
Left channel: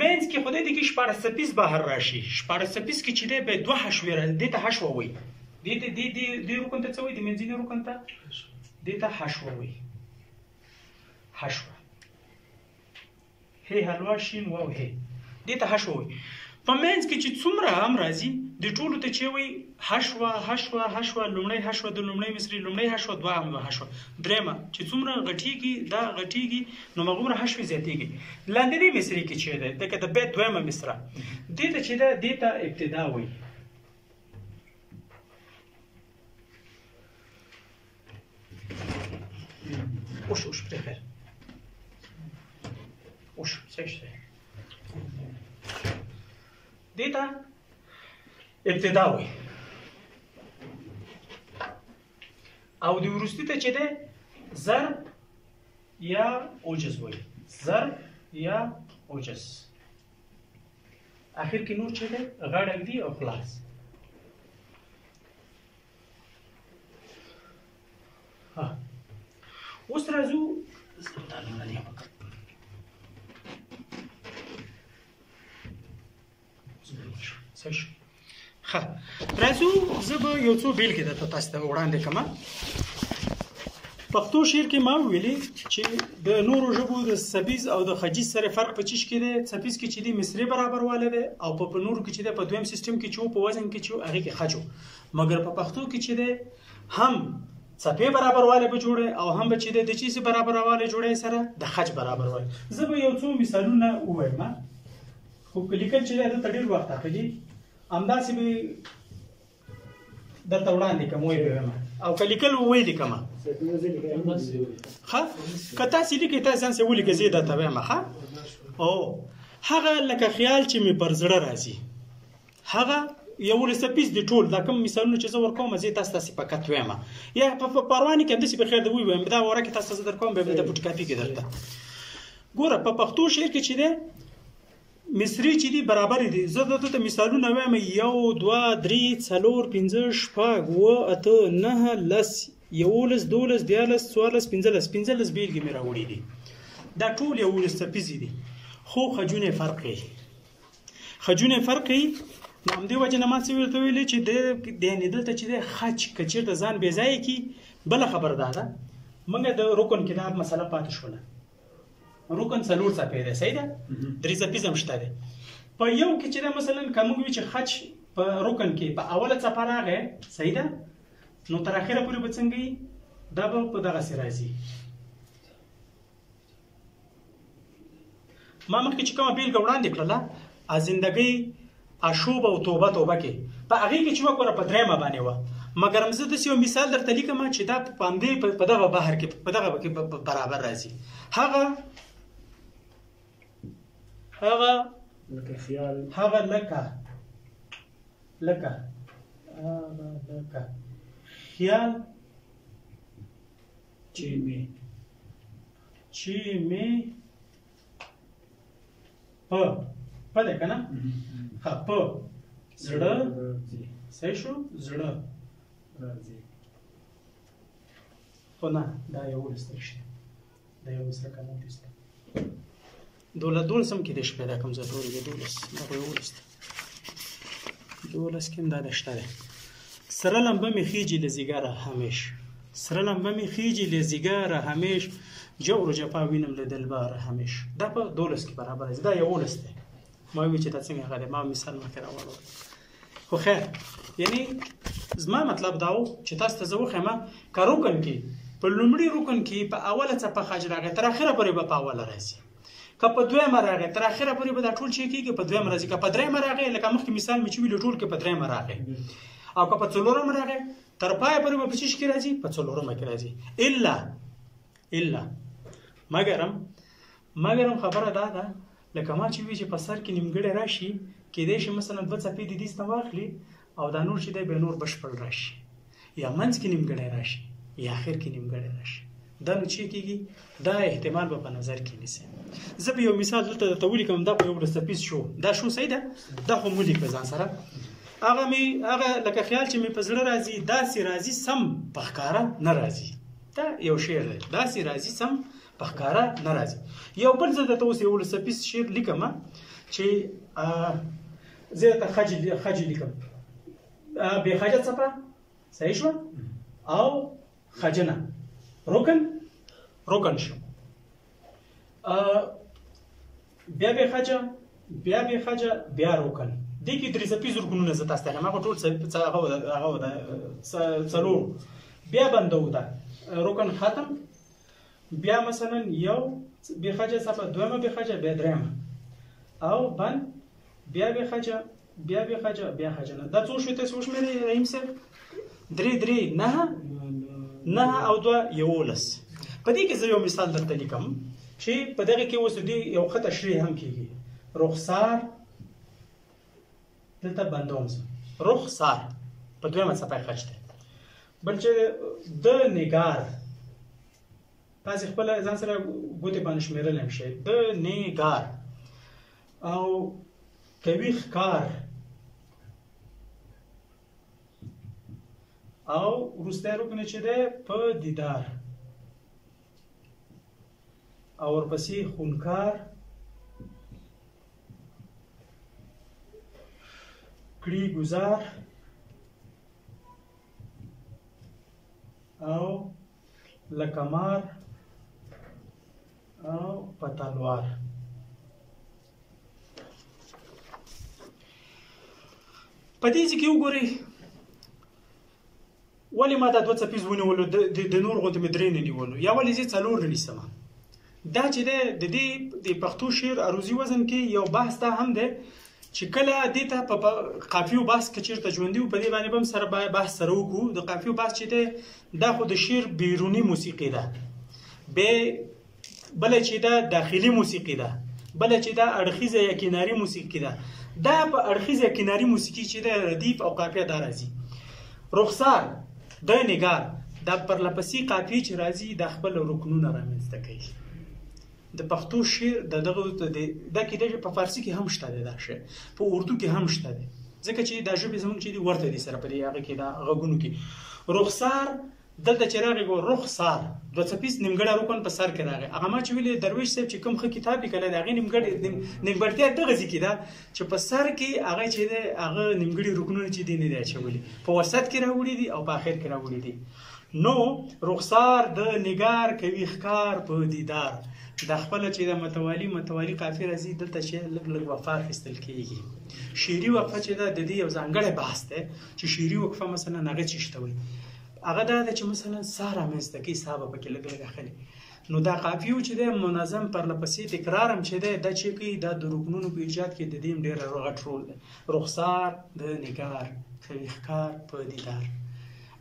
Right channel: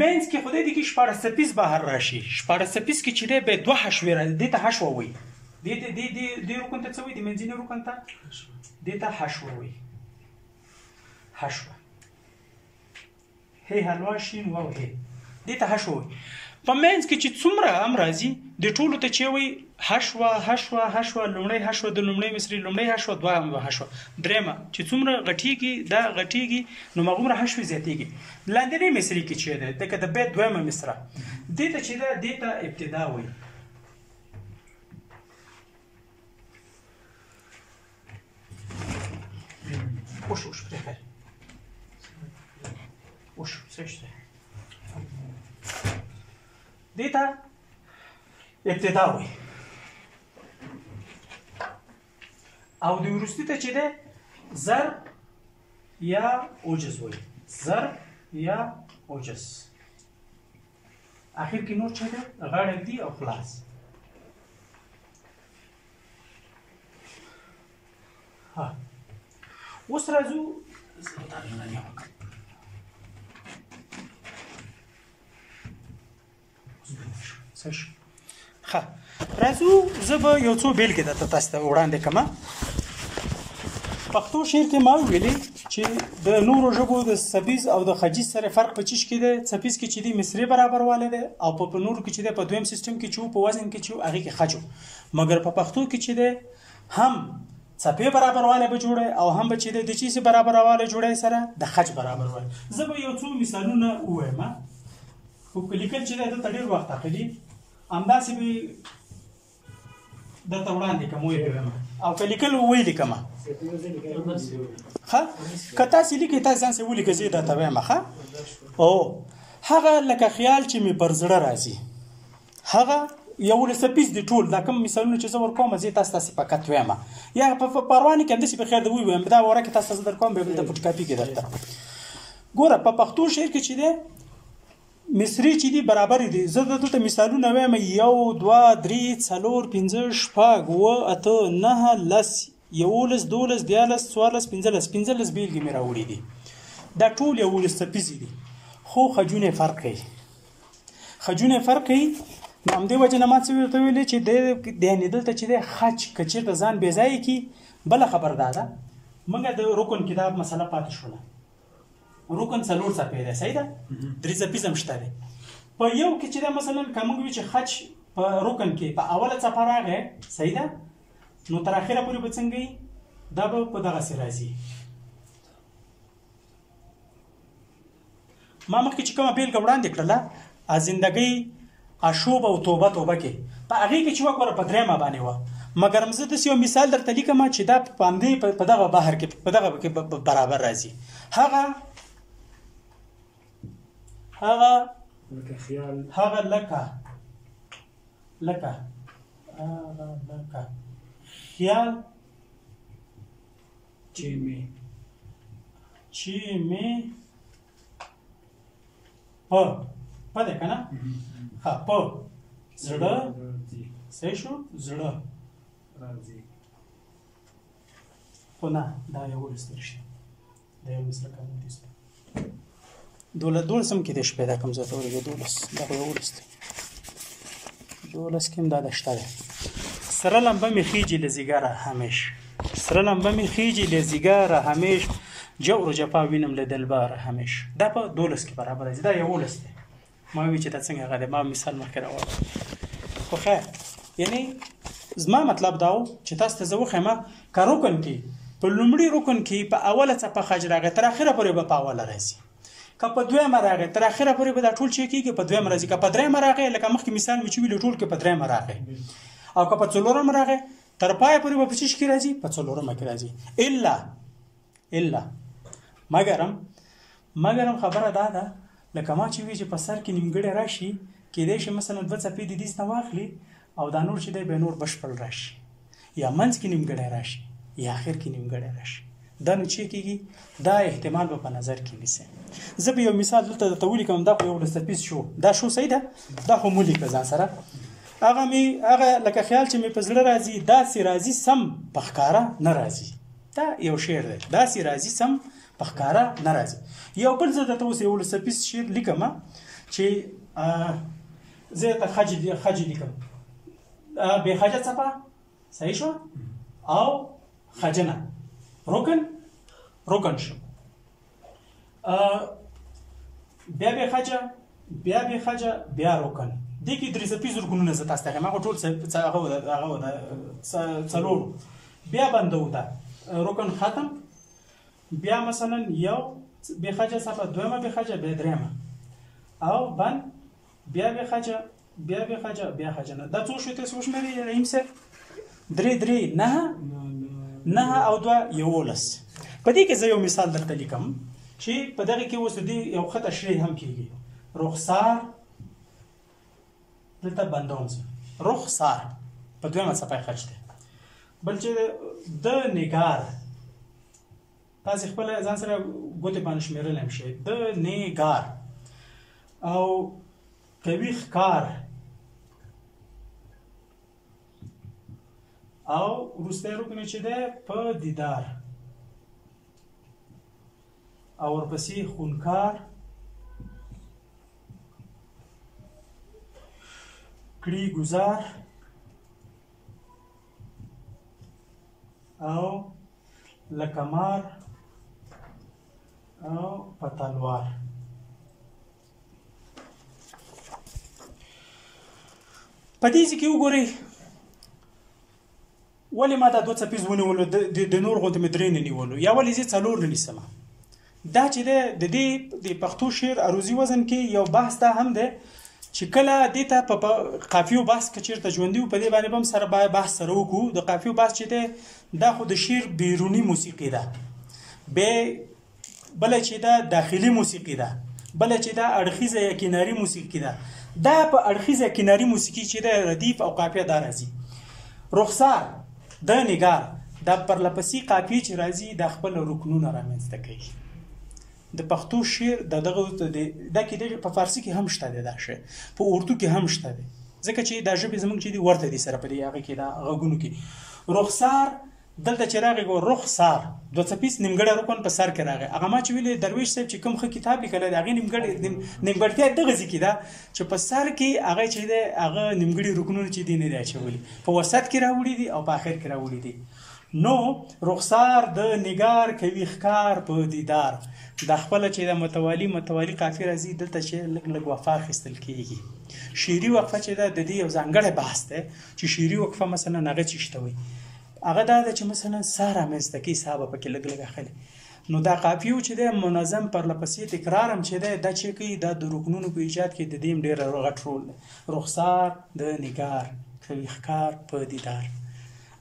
منځ کې خو دې کې 14 څپیز بهر راشي 14 څپیز کې چې دی به 2 حشوې دې ته حشوه وایي دې رکن ته څه وایي د منځني رکن ته دې ته حشوه وایي حشوه هی حلوا شین واو هی دې ته حشوه وایي. په منځ کې چې څومره هم راځي د ټولو ته چې وایي حشوه لومړی حشوه د لومړی مصري لومړی حشوه دویمه حشوه درېیمه چې څومره غټیږي نو هغومره حشوې زیاتیږي. لاندنۍ مصري کې چې دی لکه د بیت دویمه مصره دې ته چې دی دې ته ابتدا وایي اوش پرېښه اوش څه شته دې ته ابتدا وایي او د وروستي ته چې دی ضرب یا اوجز وایي ضرب یا اوجز اخر کې نور چې دی غاړه ږدي او خلاص. اوس راځو راځو زه به یو څو بیلګې درته تاسو ته وړاندې کړم. پښتو شعر کې ما ویلي چې د نورو ژبو د څپیز او د خجیز سره فرق په چیش کې دی. څپیز کې چې دی مصري برابر واله دی او په نورو کې چې دی په دویم سیستم کې چې په وزن کې چې هغه کې خجو مګر په پښتو کې چې دی هم څپې برابر واله به جوړه او هم به چې دی د چیز برابر واله جوړه سره د خج برابر واله. زه به یو څو مثالونه ووایم خو لیکل چې دی د ډېر وخت اخلي همداسې به درته وړاندې کوم او که لیکل ویلي کومه ښه که تاسې لیکئ تاسې ځان سې ولیکئ زه یې درته وایم ښه او هغه لکه خیال چې مې پر زړه راځي هغه 11 څپیز دي ټول دا کوم مثالونه چې زه ورکوم زه تاسې فقط وایم یا په پروانې کې همداسې په خیر د ووایم دا وره کې تاسو زه درکوم بیا د فوټوکاپي کې درته ګوره په پښتو شعر کې چې دی مصري چې دي برابر دي زه دلته مثالونه وایم 1 2 3 4 5 6 7 8 9 10 11 12 13 14 15 بیلګې مې راوړي دي دا ټول 11 څپیزې دي خو خجونه فرق کوي نو همدې وجه نه ما څه ورته ویلې چې د یعنې دلته چې دی خج که چېرته ځان بې ځایه کي بله خبر دا ده موږ د رکن کتاب مسله پاتې شوله رکن 4 څپې دی صحیح ده 3 څپیز هم شته دی په یو کې چې دی مثلا که موږ وي چې خج په رکن کې په اوله څپه راغی صحیح ده نو تر اخره پورې به څنګه وي دا به په دغسې راځي ما مخکې چې کومه بیلګه وړاندې کړله زندګۍ اشوب او توبه کې په هغې کې چې وګوره په درېیمه باندې وه مګر زه داسې یو مثال درته لیکم چې دا په همدې په دغه بحر کې په دغه کې برابر راځي هغه لکه خیال هغه لکه خیال چې مې په ده که نه ښه په زړه صحیح شو زړه راځي خو نه دا 11 دی رښتیا دا 11 قانون دی 12 هم کېدای شي پیدا کړم زه ته ورګې 12 دا خو 11 دی 12 کې هم دا شته دی سره لمبه مې خیجي له ځیګره همیش جور و جفا وینم له دلباره همیش دا په 12 کې برابر راځي دا 11 دی ما وی چې دا څنګه غلې ما مثال مخکې راوړم خو خیر یعنی زما مطلب دا و چې تاسو ته زه وښیم که رکن کې په لومړي رکن کې په اوله څپه خج راغی تر اخره پورې به په اوله راځي که په دویمه راغی تر اخره پورې به دا ټول چې کېږي په دویمه راځي که په درېیمه راغی لکه مخکې مثال مې چې ویلو ټول کې په درېیمه راغی او که په څلورمه راغی تر پایه پورې به په څه کې راځي په څلورمه کې راځي الا مګرم خبره دا ده لکه ما چې وی چې په سر کې نیمګړی راشي کېدای شي مثلا 2 څپې د دې نه واخلي او دا نور چې دی به نور بشپړ راشي یا منځ کې نیمګړی راشي یا اخر کې نیمګړی راشي دا نو چې کېږي دا احتمال به په نظر کې نیسي زه به یو مثال دلته درته ولیکم دا خو 11 څپیز شو دا شو صحیح ده دا خو مو لیکه ځان سره هغه لکه خیال چې مې په زړه راځي داسې راځي سم په ښکاره نه راځي دا یو شعر دی داسې راځي سم په ښکاره نه راځي یو بل زه درته اوس 11 څپیز شعر لیکم چې زه درته خج لیکم بې خجه څپه صحیح شو او خجنه رکن شو بیا بې خجه بیا رکن دې کې 3 څپیز رکنونه زه تاسو ته ښیم هغه ټول هغه ده څلور بیا بنده ده رکن ختم بیا مثلا یو بې خجه څپه دویمه بې خجه بیا درېیمه او بند بیا بې خجه بیا خجنه دا څو شوي تاسې وشمېرئ رحیم صاحب 3 9 او 2 11 په دې کې زه یو مثال درته لیکم چې په دغه کې اوس دې یو ښه تشریح هم کېږي رخسار دلته بندوم زه رخسار په دویمه څپه یې خج دی بل چې د نګار تاسې خپله ځان سره ګوتې باندې شمېرلی هم شئ د نګار او کوي ښکار او وروستی رکن چې دی په دیدار او ورپسې خونکار کړي گزار او لکمار او پتلوار په دې کې وګورئ ولې ما دا 2 څپیز ونیولو د نور غوندې مې 3 نه نیولو یا ولې زه 4 نه نیسم دا چې د دې د پښتو شعر عروضي وزن کې یو بحث دا هم دی چې کله دې ته په قافیو بحث کې چېرته ژوندي په دې باندې به هم سره باید بحث سره وکړو د قافیو بحث چې دی دا خو د شعر بیروني موسیقي ده به بل چې دا داخلي موسیقي ده، بل چې دا اړخیزه یا کناري موسیقي ده. دا په اړخیزه کناري موسیقي چې ده ردیف او قافیه دا راځي. رخسار د نگار دا پرلپسې قافیه چې راځي د خپل رکنونه رامنځته کوي. د پښتو شعر دغه دا کې په فارسي کې هم شته دی، دا شی په اردو کې هم شته دی، ځکه چې دا ژبې زموږ چې دي ورته دي سره په دې هغه کې دا غږونو کې. رخسار دلته چې راغی ګو رخسار دوه څپیز نیمګړی رکن په سر کې راغی. هغه ما چې ویلې درویش صاحب چې کوم ښه کتاب لیکلی د هغې نیمګړتیا دغسې کې ده چې په سر کې هغه چې دی هغه نیمګړي رکنونه چې دي نه دی اچولي، په وسط کې راوړي دي او په آخر کې راوړي دي. نو رخسار د نگار کوي ښکار په دیدار. دا خپله چې د متوالي قافیه راځي دلته چې لږ لږ وقفه اخیستل کېږي. شعري وقفه چې ده د دې یو ځانګړی بحث دی چې شعري وقفه مثلا هغه څه شته وي، هغه دا ده چې مثلا سا رامنځته کوي، سا به پکې لږ لږ اخلي. نو دا قافیه چې دی منظم پرلپسې تکرار هم چې دی دا چې کوي دا د رکنونو په ایجاد کې د دې هم ډېر غټ رول دی. رخسار د نگار کوي ښکار په دیدار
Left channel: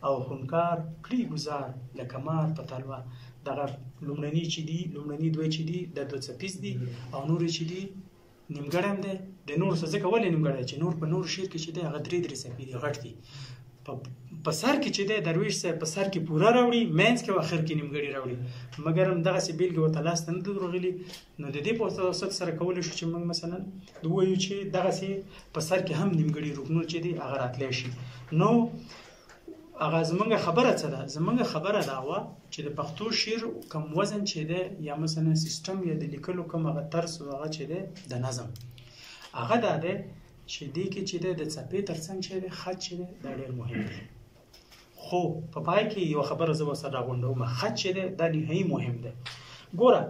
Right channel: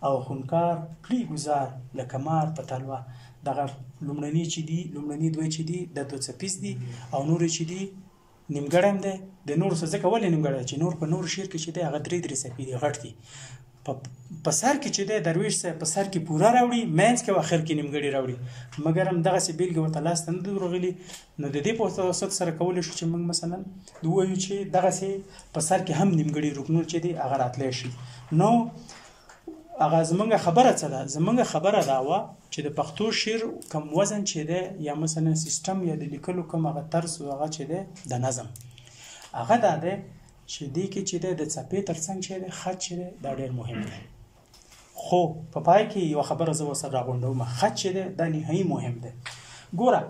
او هنکار پلی گذار لکه مار په تلوار. دغه لومړني چې دي لومړني دوی چې دي د دوه څپیز دي او نور چې دي نیمګړی هم دی. د نور څه ځکه ولې نیمګړی دی چې نور په نور شعر کې چې دی هغه درې څپې دي غټ دي. په سر کې چې دی درویش صاحب په سر کې پوره راوړي، منځ کې او اخر کې نیمګړي راوړي، مګر هم دغسې بېلګې ورته لاسته نه دي ورغلي. نو د دې په واسطه سره کولی شو چې موږ مثلا ووایو چې دغسې په سر کې هم نیمګړي رکنونه چې دي هغه راتلی شي. نو هغه زمونږ خبره څه ده؟ زمونږ خبره دا وه چې د پښتو شعر کوم وزن چې دی یا مثلا سیستم یا د لیکلو کوم هغه طرز هغه چې دی د نظم هغه دا دی چې دې کې چې دی د څپې تر څنګ چې دی خط چې دی دا ډېر مهم دی. خو په پای کې یوه خبره زه ورسره راغونډوم، خط چې دی دا نهایي مهم دی. ګوره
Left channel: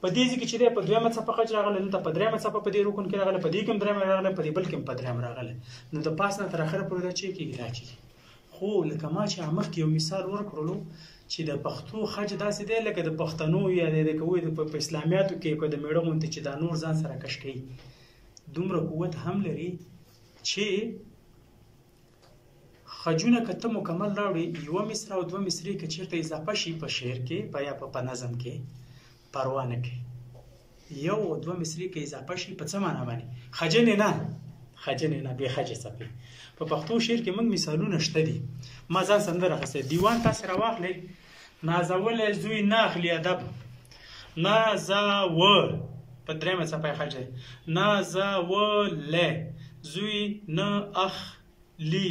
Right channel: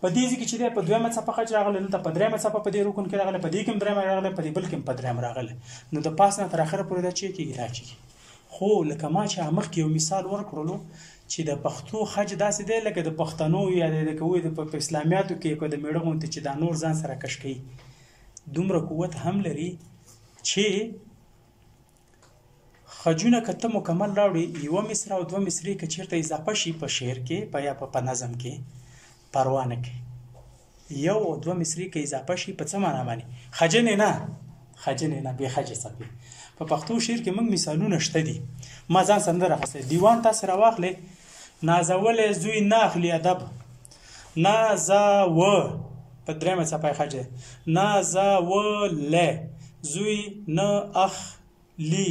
په دې ځای کې چې دی په دویمه څپه خط راغلی، دلته په درېیمه څپه په دې رکن کې راغلی، په دې کې هم درېیمه راغلی، په دې بل کې هم په درېیمه راغلی. نو د پاس نه تر اخره پورې دا چې کېږي دا کېږي. خو لکه ما چې مخکې یو مثال ورکړلو چې د پښتو خج داسې دی لکه د پښتنو یا د کوی په اسلامیاتو کې د میړه غوندې چې دا نور ځان سره کش کوي، دومره قوت هم لري چې خجونه که ته مکمل راوړي یوه مصره او دوه مصرې که چېرته اضافه شي په شعر کې یا په نظم کې پروا نه کوي. یو او دوه مصرې که اضافه شي په څه معنا باندې؟ خجنې نه بې خجې څپې. په پښتو شعر کې موږ مثالونه شته دي. ما ځان سندره اخیستی دیوان تاسې راواخلئ. نازولی زوی نه اخلي ادب، نازوه په درېیمه څپه یې خج دی، نازولی زوی نه اخلي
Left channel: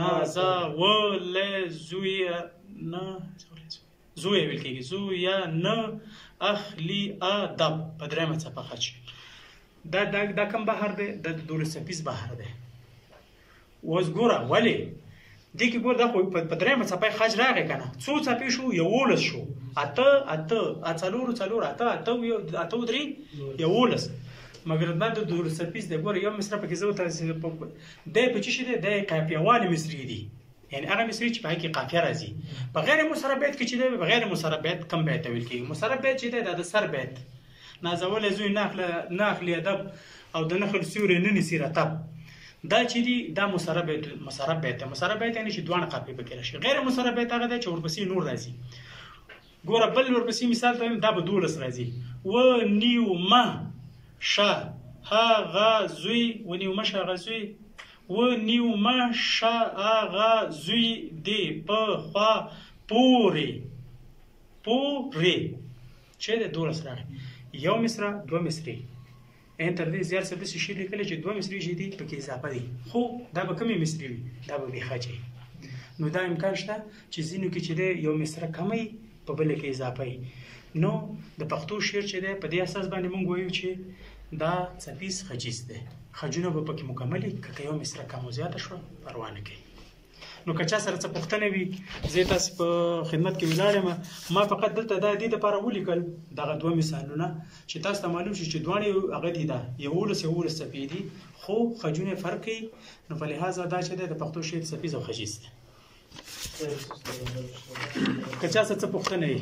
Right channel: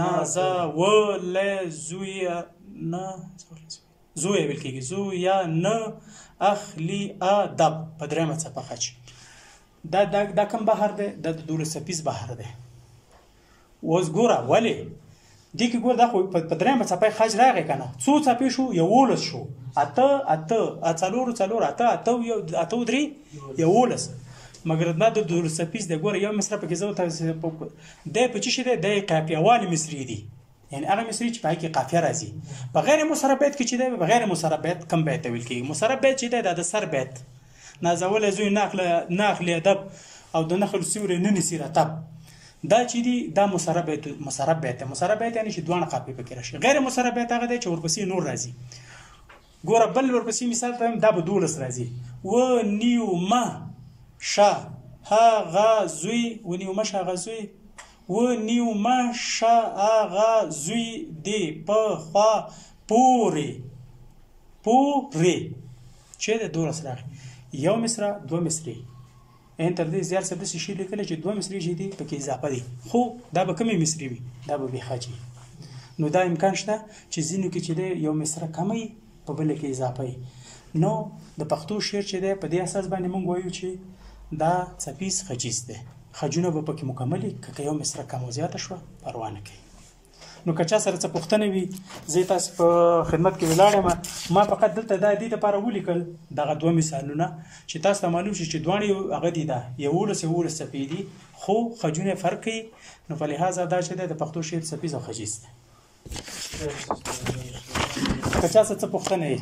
نازولی زوی نه زوی ویل کېږي زویه نه اخلي ادب په درېیمه څپه خج. دا کوم بحر دی؟ دا د دولس څپیز بحر دی. اوس ګوره ولې دې کې ګوره دا خو په درېیمه څپه خج راغی که نه، څو څپې شو؟ 11 شو. 8 څلور 8 درې 11. مګر دا د دولس څپیز دی. ګوره یو مصره پکې زه دی په څه شي دی؟ دی قافیهوالې مصرې دي، یعنې هغه مصرې چې په هغې کې قافیه راځي. په غیر مصرف بیت کې چې دی په غیر مصرف بیت کم بیت ته ویل کېږي. مصرف بیت چې دی دا د سر بیت، نازولی زوی نه اخلي ادب او د نخل سیوری نه نیسي رطب، دا چې دي دا مصرف بیت دی. مصرف بیت یعنې چې دواړه قافیې پکې راشي. غیر مصرف بیت هغه دی چې ورپسې نور راځي. ګوره بل ورپسې مثال ته دا به 12 راځي. ونیومه شه هغه زوی ونیومه شه هغه زوی ونیومه شه هغه زوی دی په خوا پورې چې دی 12 راغی. یو مصره دوه مصرې ان تر دې زیات څه داسې شي لیکلی چې دوه مصرې چې دي پکې اضافه دي، خو دا به کمې مصرې وي، دا به بې خجې. نو دا امکان شته چې ځینو کې چې دی یو مصره کمه وي په بله کې اضافه وي. نو د پښتو شعر چې دی په دې اساس باندې موږ وایو چې دا څپیز خجیز دی. خجونه به پکې مکمل وي، که یو مصره کم او زیاته شوه پروا نه کوي. نو که چا سره څه پوښتنه وي زه تاسو په خدمت کې ولاړ یم. ما فقط دلته دا دې دپاره ولیکل دغه دوه مثالونه چې تاسو ته معلوم شي چې دواړې هغه دي دا 11 څپې دي، خو خجونه فرق کوي. نو په لحاظه دا چې دی د پښتو شعر څپیز او خجیز دی. که چا سره څه پوښتنه وي